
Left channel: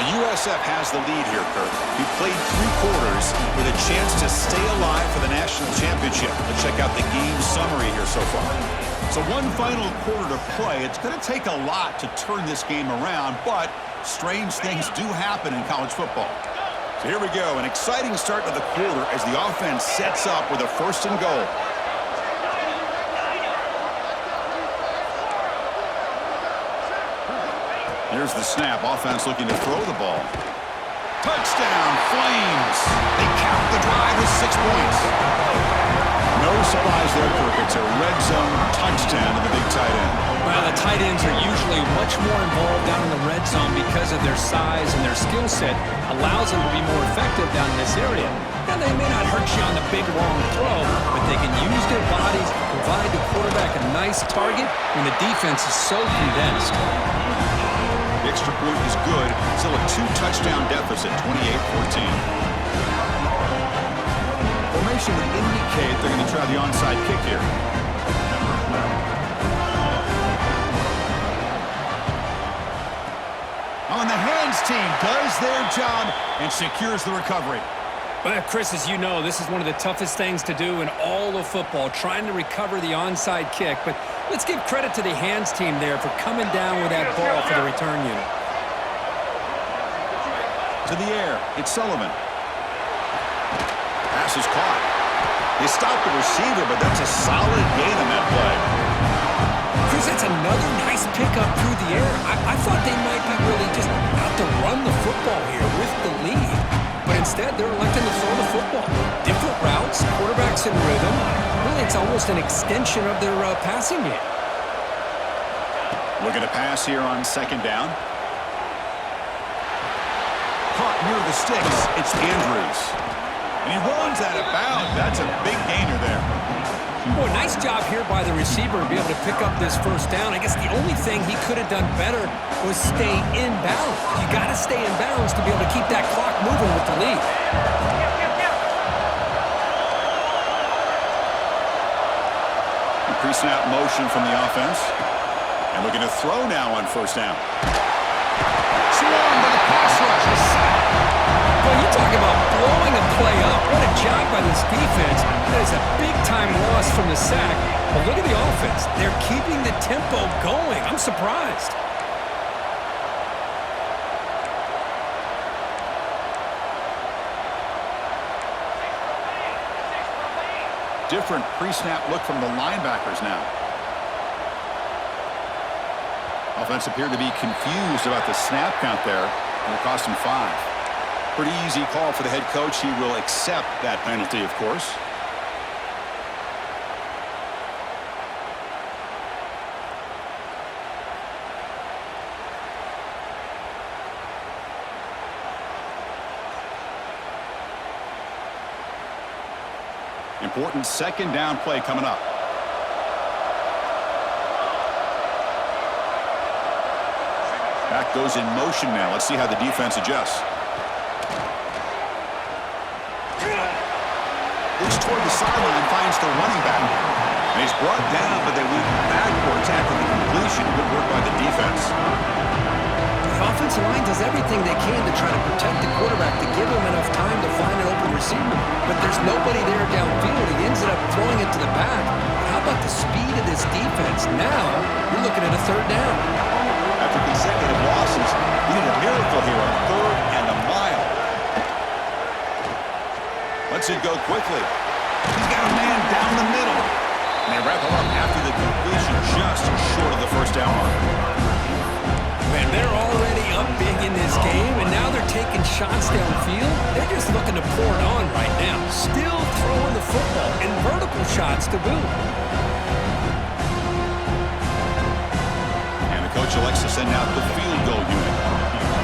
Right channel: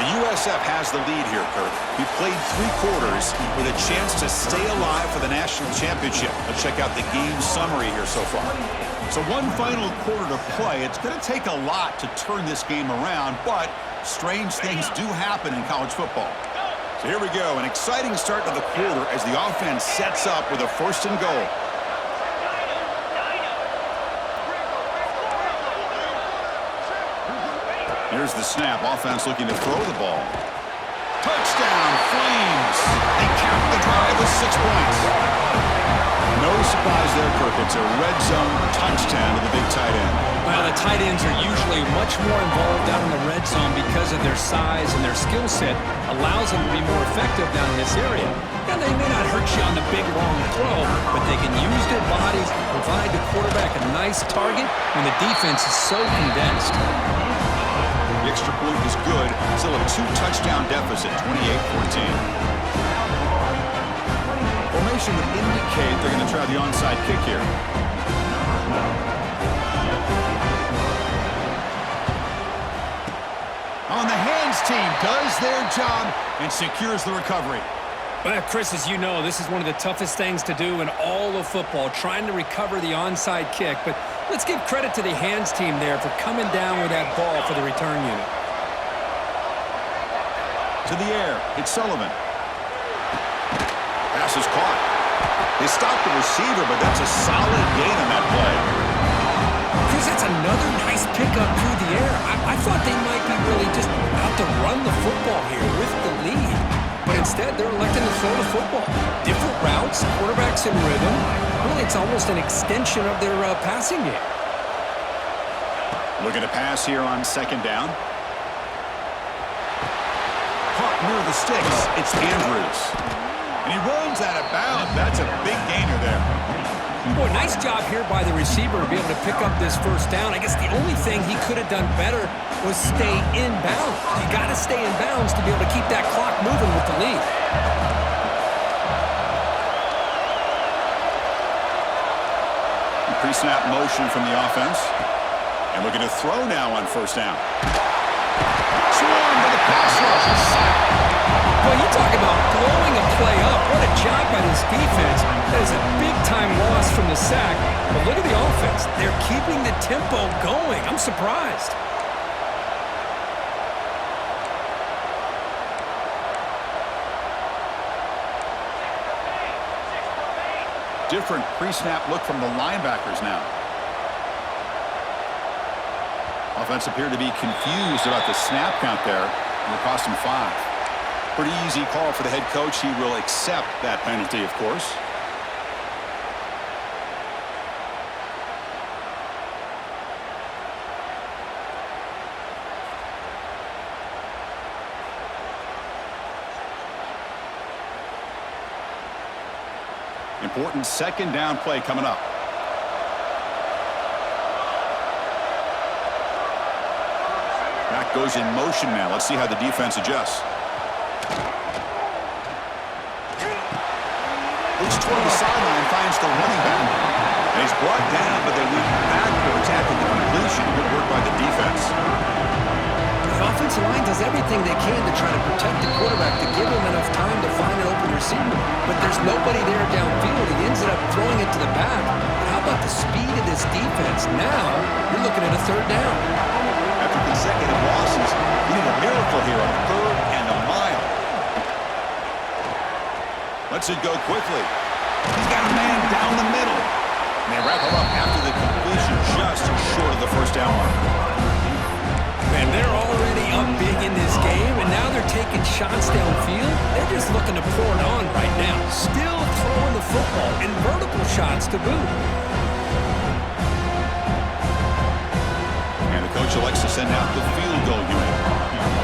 The USF has the lead here, Kurt. He played 3 quarters with a chance to stay alive for the national championship. Let's check out the game summary here so far. So one final quarter to play. It's going to take a lot to turn this game around, but strange things do happen in college football. So here we go, an exciting start to the quarter as the offense sets up with a 1st and goal. Here's the snap. Offense looking to throw the ball. Touchdown, Flames. They cap the drive with 6 points. No surprise there, Kirk. It's a red zone touchdown to the big tight end. Well, the tight ends are usually much more involved down in the red zone because of their size and their skill set allows them to be more effective down in this area. Now, they may not hurt you on the big, long throw, but they can use their bodies to provide the quarterback a nice target when the defense is so condensed. The extra point is good. Still a 2-touchdown deficit, 28-14. Formation would indicate they're going to try the onside kick here. On the hands team does their job and secures the recovery. Well, Chris, as you know, this is one of the toughest things to do in all of football, trying to recover the onside kick. But let's give credit to the hands team there for coming down with that ball for the return unit. To the air, it's Sullivan. Pass is caught. They stopped the receiver, but that's a solid gain on that play. Chris, that's another nice pickup through the air. I thought they might be really just out to run the football here with the lead. But instead, they're electing to throw the football. Different routes, quarterbacks in rhythm. Really, it's almost an extension of their passing game. Looking to pass here on 2nd down. Caught near the sticks. It's Andrews. And he runs out of bounds. That's a big gainer there. Boy, nice job here by the receiver to be able to pick up this 1st down. I guess the only thing he could have done better was stay in bounds. You got to stay in bounds to be able to keep that clock moving with the lead. Pre-snap motion from the offense. And looking to throw now on 1st down. Swarmed by the pass rush. A sack. Well, you talk about blowing a play up. What a job by this defense. That is a big-time loss from the sack. But look at the offense. They're keeping the tempo going. I'm surprised. Different pre-snap look from the linebackers now. Offense appeared to be confused about the snap count there, and it cost him 5. Pretty easy call for the head coach. He will accept that penalty, of course. Important 2nd down play coming up. Back goes in motion now. Let's see how the defense adjusts. Looks toward the sideline, finds the running back. And he's brought down, but they went backwards after the completion. Good work by the defense. The offensive line does everything they can to try to protect the quarterback, to give him enough time to find an open receiver. But there's nobody there downfield. He ends up throwing it to the back. But how about the speed of this defense? Now you're looking at a 3rd down. After consecutive losses, he did a miracle here on 3rd and a mile. Lets it go quickly. He's got a man down the middle. And they wrap him up after the completion just short of the 1st down mark. Man, they're already up big in this game, and now they're taking shots downfield. They're just looking to pour it on right now. Still throwing the football, and vertical shots to boot. And the coach elects to send out the field goal unit.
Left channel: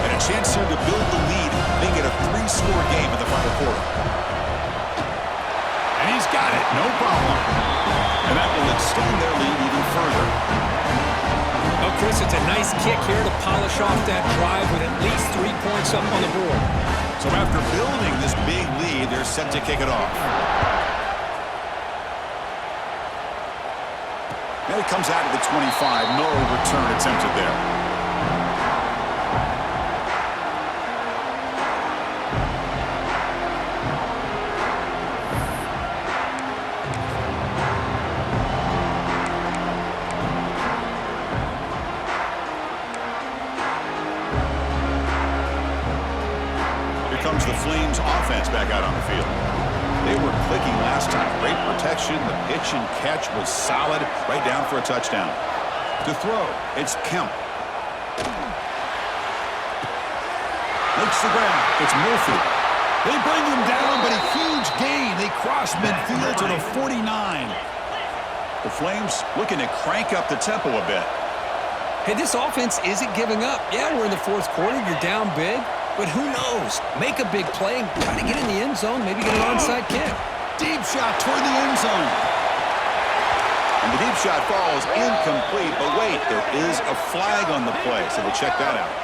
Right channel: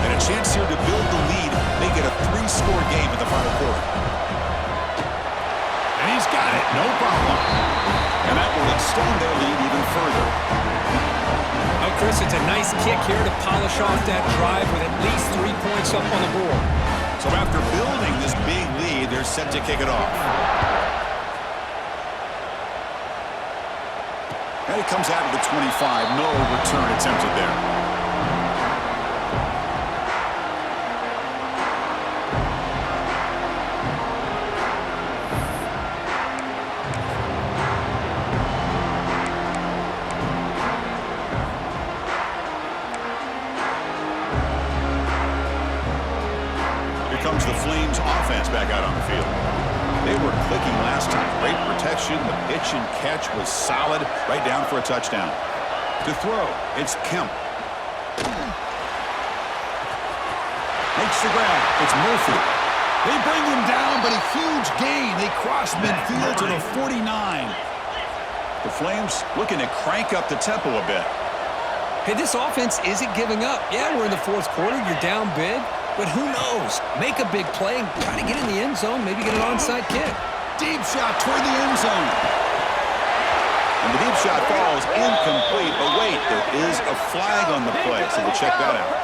And a chance here to build the lead, make it a 3-score game in the final quarter. And he's got it, no problem. And that will extend their lead even further. Oh, Chris, it's a nice kick here to polish off that drive with at least 3 points up on the board. So after building this big lead, they're set to kick it off. And it comes out of the 25. No return attempted there. Comes the Flames offense back out on the field. They were clicking last time. Great protection. The pitch and catch was solid. Right down for a touchdown. To throw, it's Kemp. Makes the grab. It's Murphy. They bring him down, but a huge gain. They cross midfield to the 49. The Flames looking to crank up the tempo a bit. Hey, this offense isn't giving up. Yeah, we're in the fourth quarter. You're down big. But who knows? Make a big play and try to get in the end zone, maybe get an onside kick. Deep shot toward the end zone. And the deep shot falls incomplete. But wait, there is a flag on the play, so we'll check that out.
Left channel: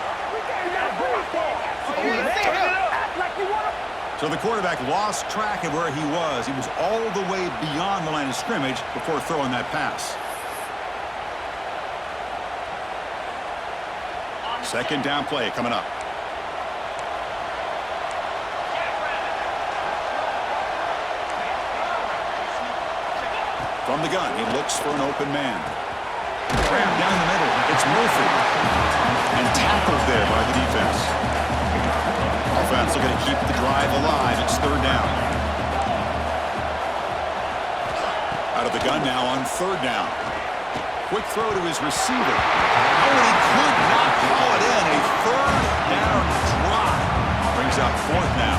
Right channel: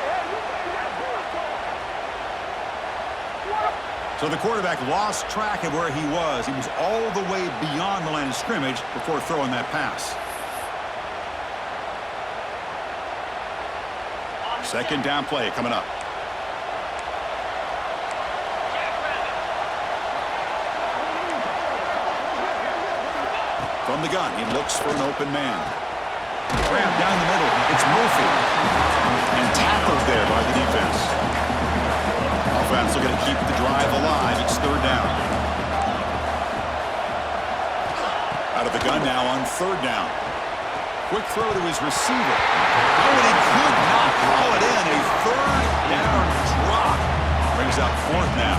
So the quarterback lost track of where he was. He was all the way beyond the line of scrimmage before throwing that pass. Second down play coming up. From the gun, he looks for an open man. Grab down the middle. It's Murphy. And tackled there by the defense. Offense looking to keep the drive alive. It's third down. Out of the gun now on third down. Quick throw to his receiver. Oh, and he could not haul it in. A third down drop. Brings up fourth now.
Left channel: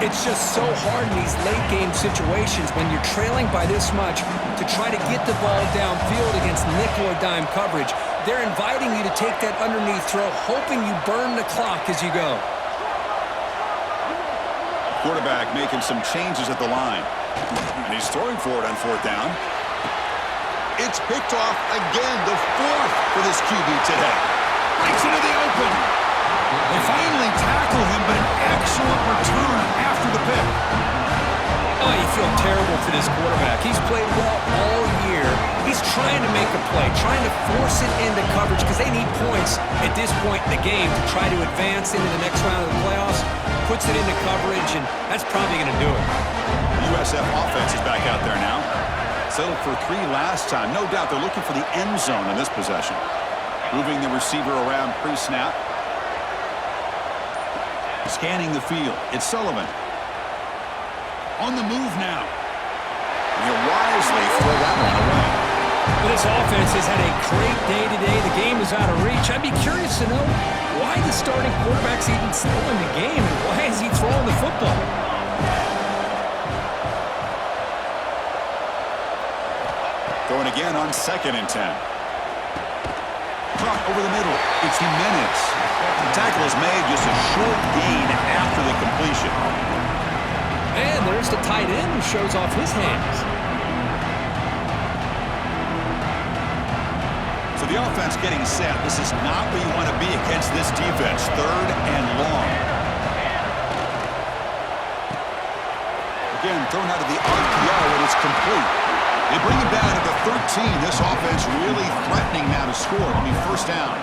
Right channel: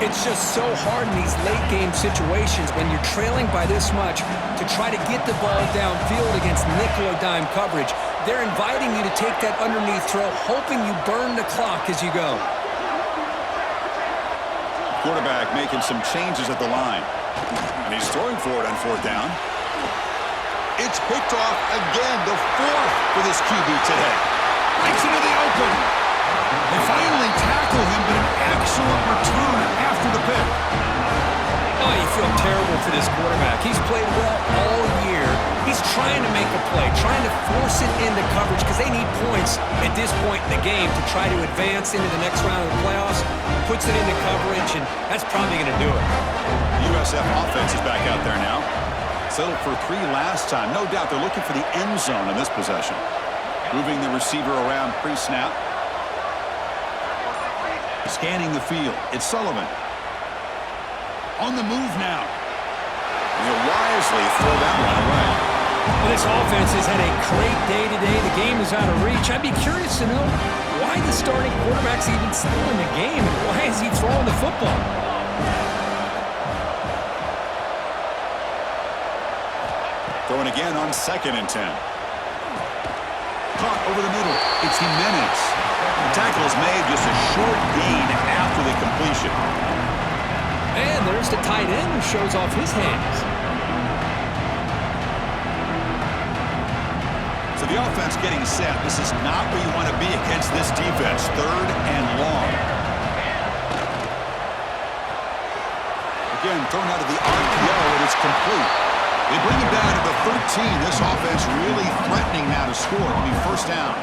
It's just so hard in these late-game situations when you're trailing by this much to try to get the ball downfield against nickel or dime coverage. They're inviting you to take that underneath throw, hoping you burn the clock as you go. Quarterback making some changes at the line. And he's throwing for it on fourth down. It's picked off again, the fourth for this QB today. Breaks into the open. They finally tackle him, but an excellent return after the pick. Oh, you feel terrible for this quarterback. He's played well all year. He's trying to make a play, trying to force it into coverage because they need points at this point in the game to try to advance into the next round of the playoffs. Puts it into coverage, and that's probably going to do it. The USF offense is back out there now. Settled for 3 last time. No doubt they're looking for the end zone in this possession. Moving the receiver around pre-snap. Scanning the field. It's Sullivan. On the move now. And he'll wisely throw that one away. Well, this offense has had a great day today. The game is out of reach. I'd be curious to know why the starting quarterback's even still in the game and why is he throwing the football? Throwing again on 2nd and 10. Caught over the middle. It's Jimenez. The tackle is made, just a short gain after the completion. And there's the tight end who shows off his hands. So the offense getting set. This is not where you want to be against this defense. Third and long. Again, thrown out of the RPO, and it's complete. They bring him down to the 13. This offense really threatening now to score. It'll be first down.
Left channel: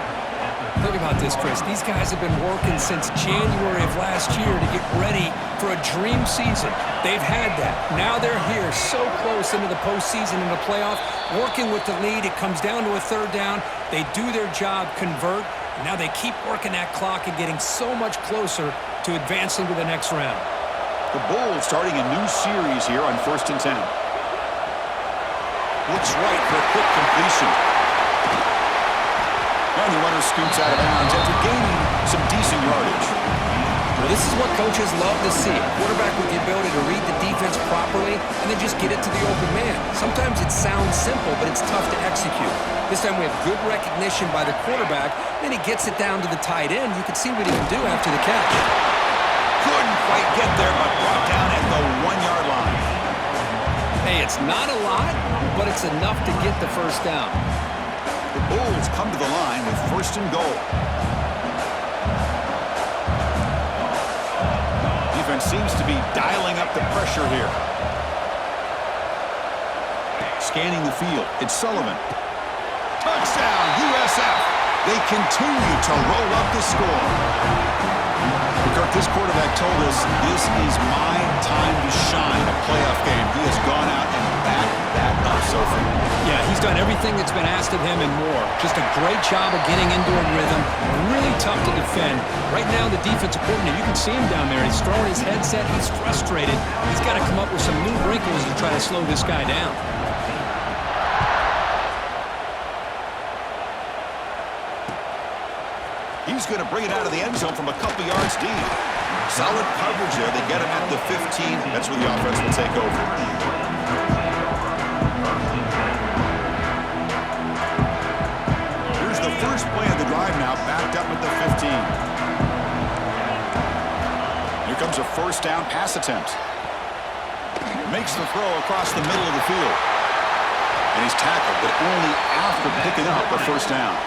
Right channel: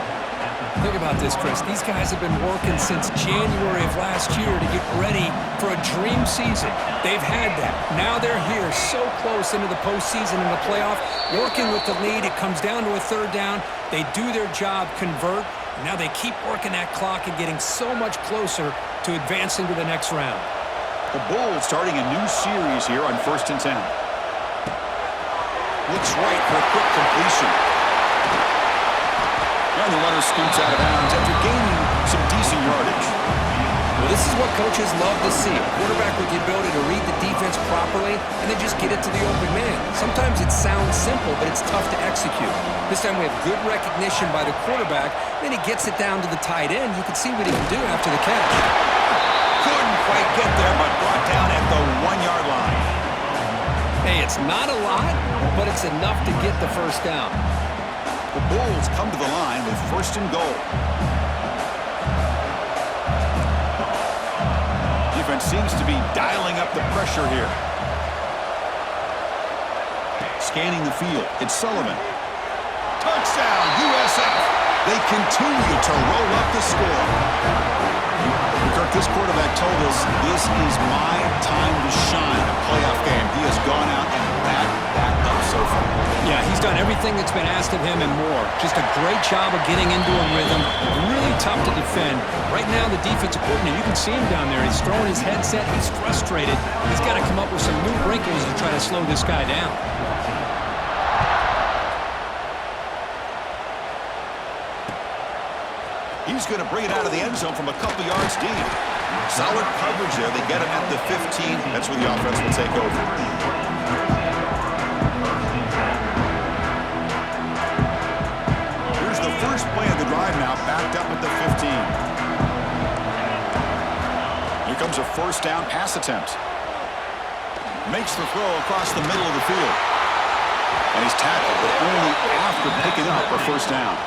Think about this, Chris. These guys have been working since January of last year to get ready for a dream season. They've had that. Now they're here, so close into the postseason and the playoff, working with the lead. It comes down to a third down. They do their job, convert. Now they keep working that clock and getting so much closer to advancing to the next round. The Bulls starting a new series here on 1st and 10. Looks right for a quick completion. And the runner scoots out of bounds after gaining some decent yardage. Well, this is what coaches love to see. A quarterback with the ability to read the defense properly and then just get it to the open man. Sometimes it sounds simple, but it's tough to execute. This time we have good recognition by the quarterback. Then he gets it down to the tight end. You can see what he can do after the catch. Couldn't quite get there, but brought down at the 1-yard line. Hey, it's not a lot, but it's enough to get the first down. The Bulls come to the line with 1st and goal. Defense seems to be dialing up the pressure here. Scanning the field, it's Sullivan. Touchdown, USF. They continue to roll up the score. Kirk, this quarterback told us this is my time to shine, a playoff game. He has gone out and backed that up so far. Yeah, he's done everything that's been asked of him and more. Just a great job of getting into a rhythm. Really tough to defend. Right now, the defensive coordinator, you can see him down there. He's throwing his headset. He's frustrated. He's got to come up with some new wrinkles to try to slow this guy down. He's going to bring it out of the end zone from a couple yards deep. Solid coverage there. They get him at the 15. That's where the offense will take over. Here's the first play of the drive now, backed up at the 15. Here comes a 1st down pass attempt. Makes the throw across the middle of the field. And he's tackled, but only after picking up a 1st down.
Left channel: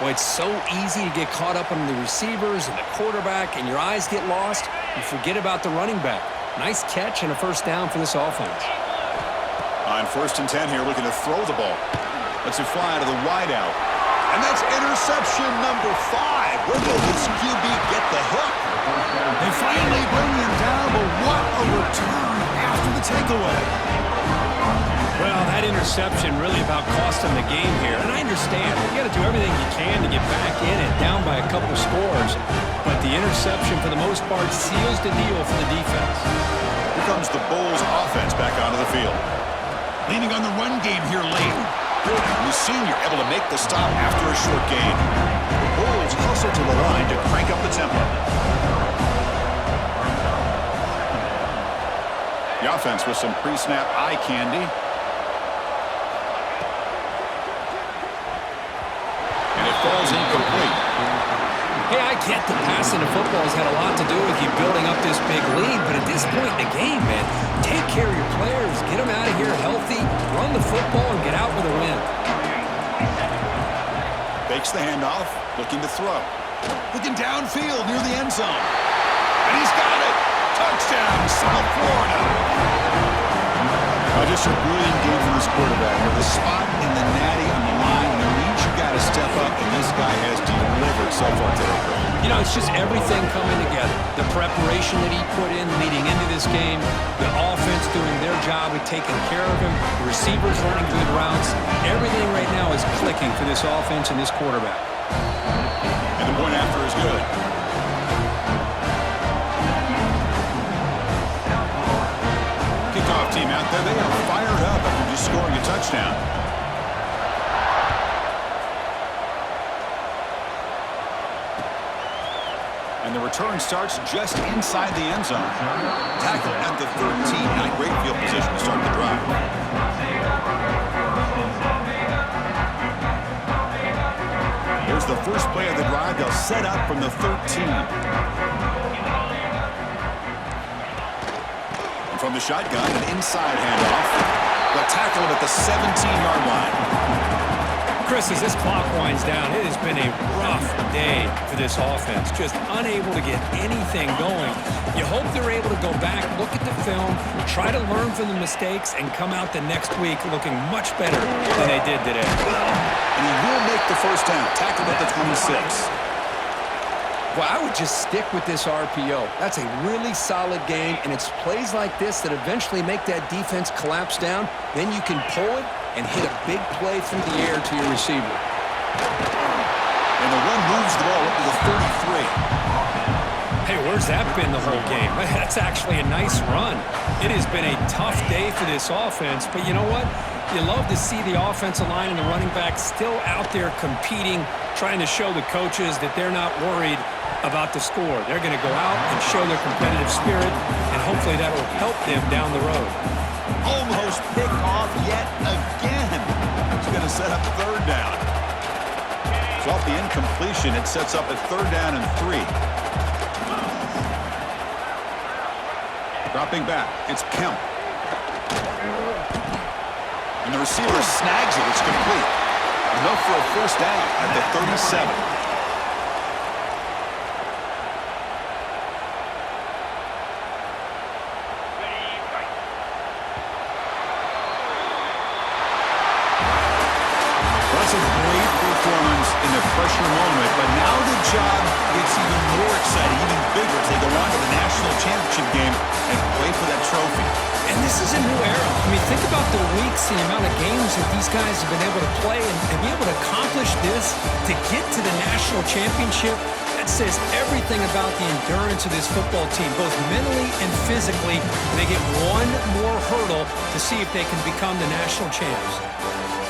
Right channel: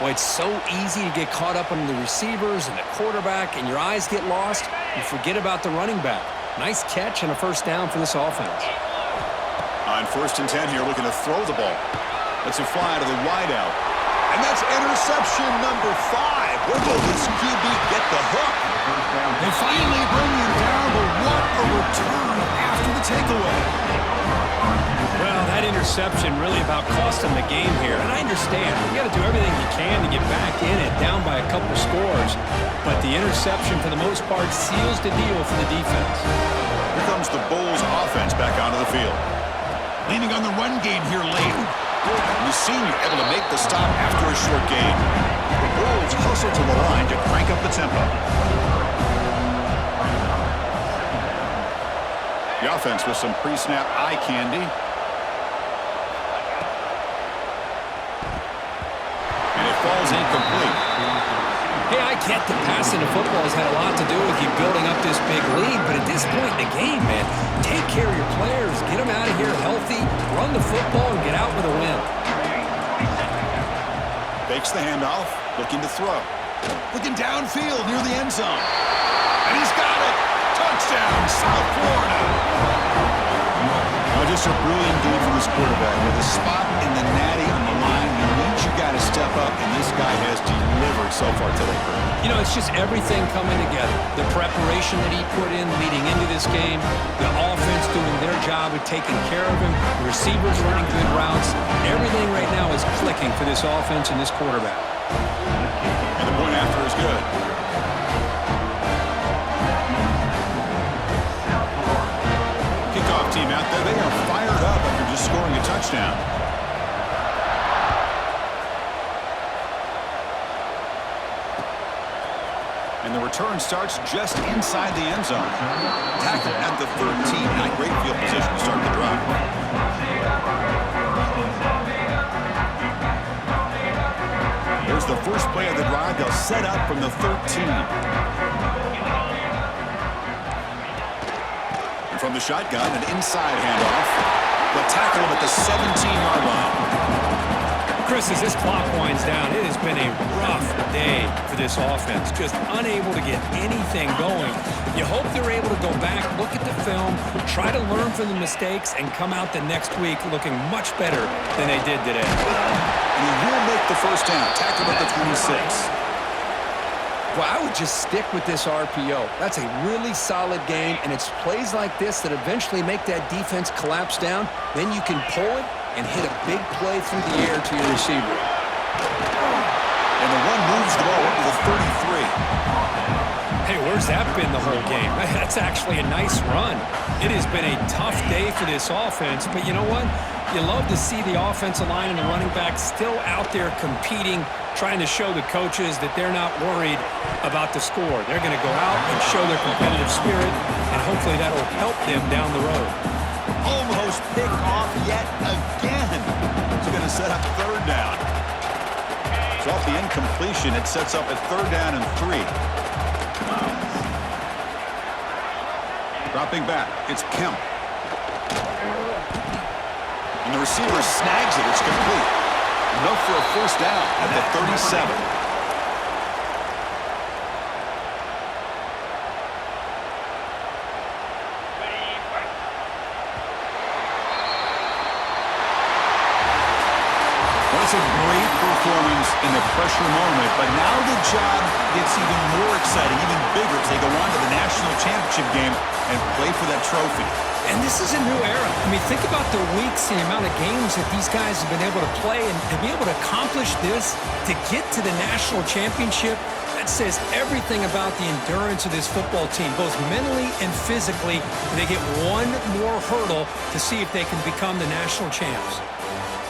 Well, it's so easy to get caught up on the receivers and the quarterback, and your eyes get lost. You forget about the running back. Nice catch and a 1st down for this offense. On 1st and 10 here, looking to throw the ball. Lets it fly out of the wideout. And that's interception number 5. Where will this QB get the hook? They finally bring him down, but what a return after the takeaway. Well, that interception really about cost him the game here. And I understand. You got to do everything you can to get back in it, down by a couple scores. But the interception, for the most part, seals the deal for the defense. Here comes the Bulls offense back onto the field. Leaning on the run game here late. The senior able to make the stop after a short gain. The Bulls hustle to the line to crank up the tempo. The offense with some pre-snap eye candy. And it falls incomplete. Hey, I get that passing the football has had a lot to do with you building up this big lead, but at this point in the game, man, take care of your players. Get them out of here healthy, run the football, and get out with a win. Fakes the handoff, looking to throw. Looking downfield near the end zone. And he's got it! Touchdown, South Florida! Just a brilliant game from this quarterback. With a spot in the natty on the line, you need your guy to step up, and this guy has delivered so far today, Greg. You know, it's just everything coming together. The preparation that he put in leading into this game, the offense doing their job of taking care of him, the receivers running good routes. Everything right now is clicking for this offense and this quarterback. And the point after is good. Kickoff team out there, they are fired up after just scoring a touchdown. And the return starts just inside the end zone. Tackled at the 13. Not great field position to start the drive. Here's the first play of the drive. They'll set up from the 13. From the shotgun, an inside handoff. They'll tackle him at the 17-yard line. Chris, as this clock winds down, it has been a rough day for this offense. Just unable to get anything going. You hope they're able to go back, look at the film, try to learn from the mistakes, and come out the next week looking much better than they did today. And he will make the first down. Tackled at the 26. Well, I would just stick with this RPO. That's a really solid game, and it's plays like this that eventually make that defense collapse down. Then you can pull it and hit a big play through the air to your receiver. And the one moves the ball up to the 33. Hey, where's that been the whole game? That's actually a nice run. It has been a tough day for this offense, but you know what? You love to see the offensive line and the running back still out there competing, trying to show the coaches that they're not worried about the score. They're going to go out and show their competitive spirit, and hopefully that'll help them down the road. Almost picked off yet again. It's going to set up third down. So off the incompletion, it sets up a third down and 3. Dropping back, it's Kemp. And the receiver snags it. It's complete. Enough for a first down at the 37. That's a great performance in the pressure moment, but now the job gets even more exciting, even bigger as they go on to the national championship game and play for that trophy. And this is a new era. I mean, think about the weeks and the amount of games that these guys have been able to play, and to be able to accomplish this, to get to the national championship, that says everything about the endurance of this football team, both mentally and physically. They get one more hurdle to see if they can become the national champs.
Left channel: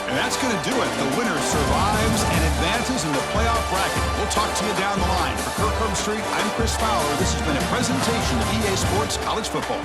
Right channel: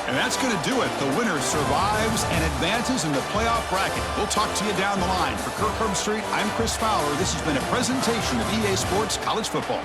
And that's going to do it. The winner survives and advances in the playoff bracket. We'll talk to you down the line. For Kirk Herbstreit, I'm Chris Fowler. This has been a presentation of EA Sports College Football.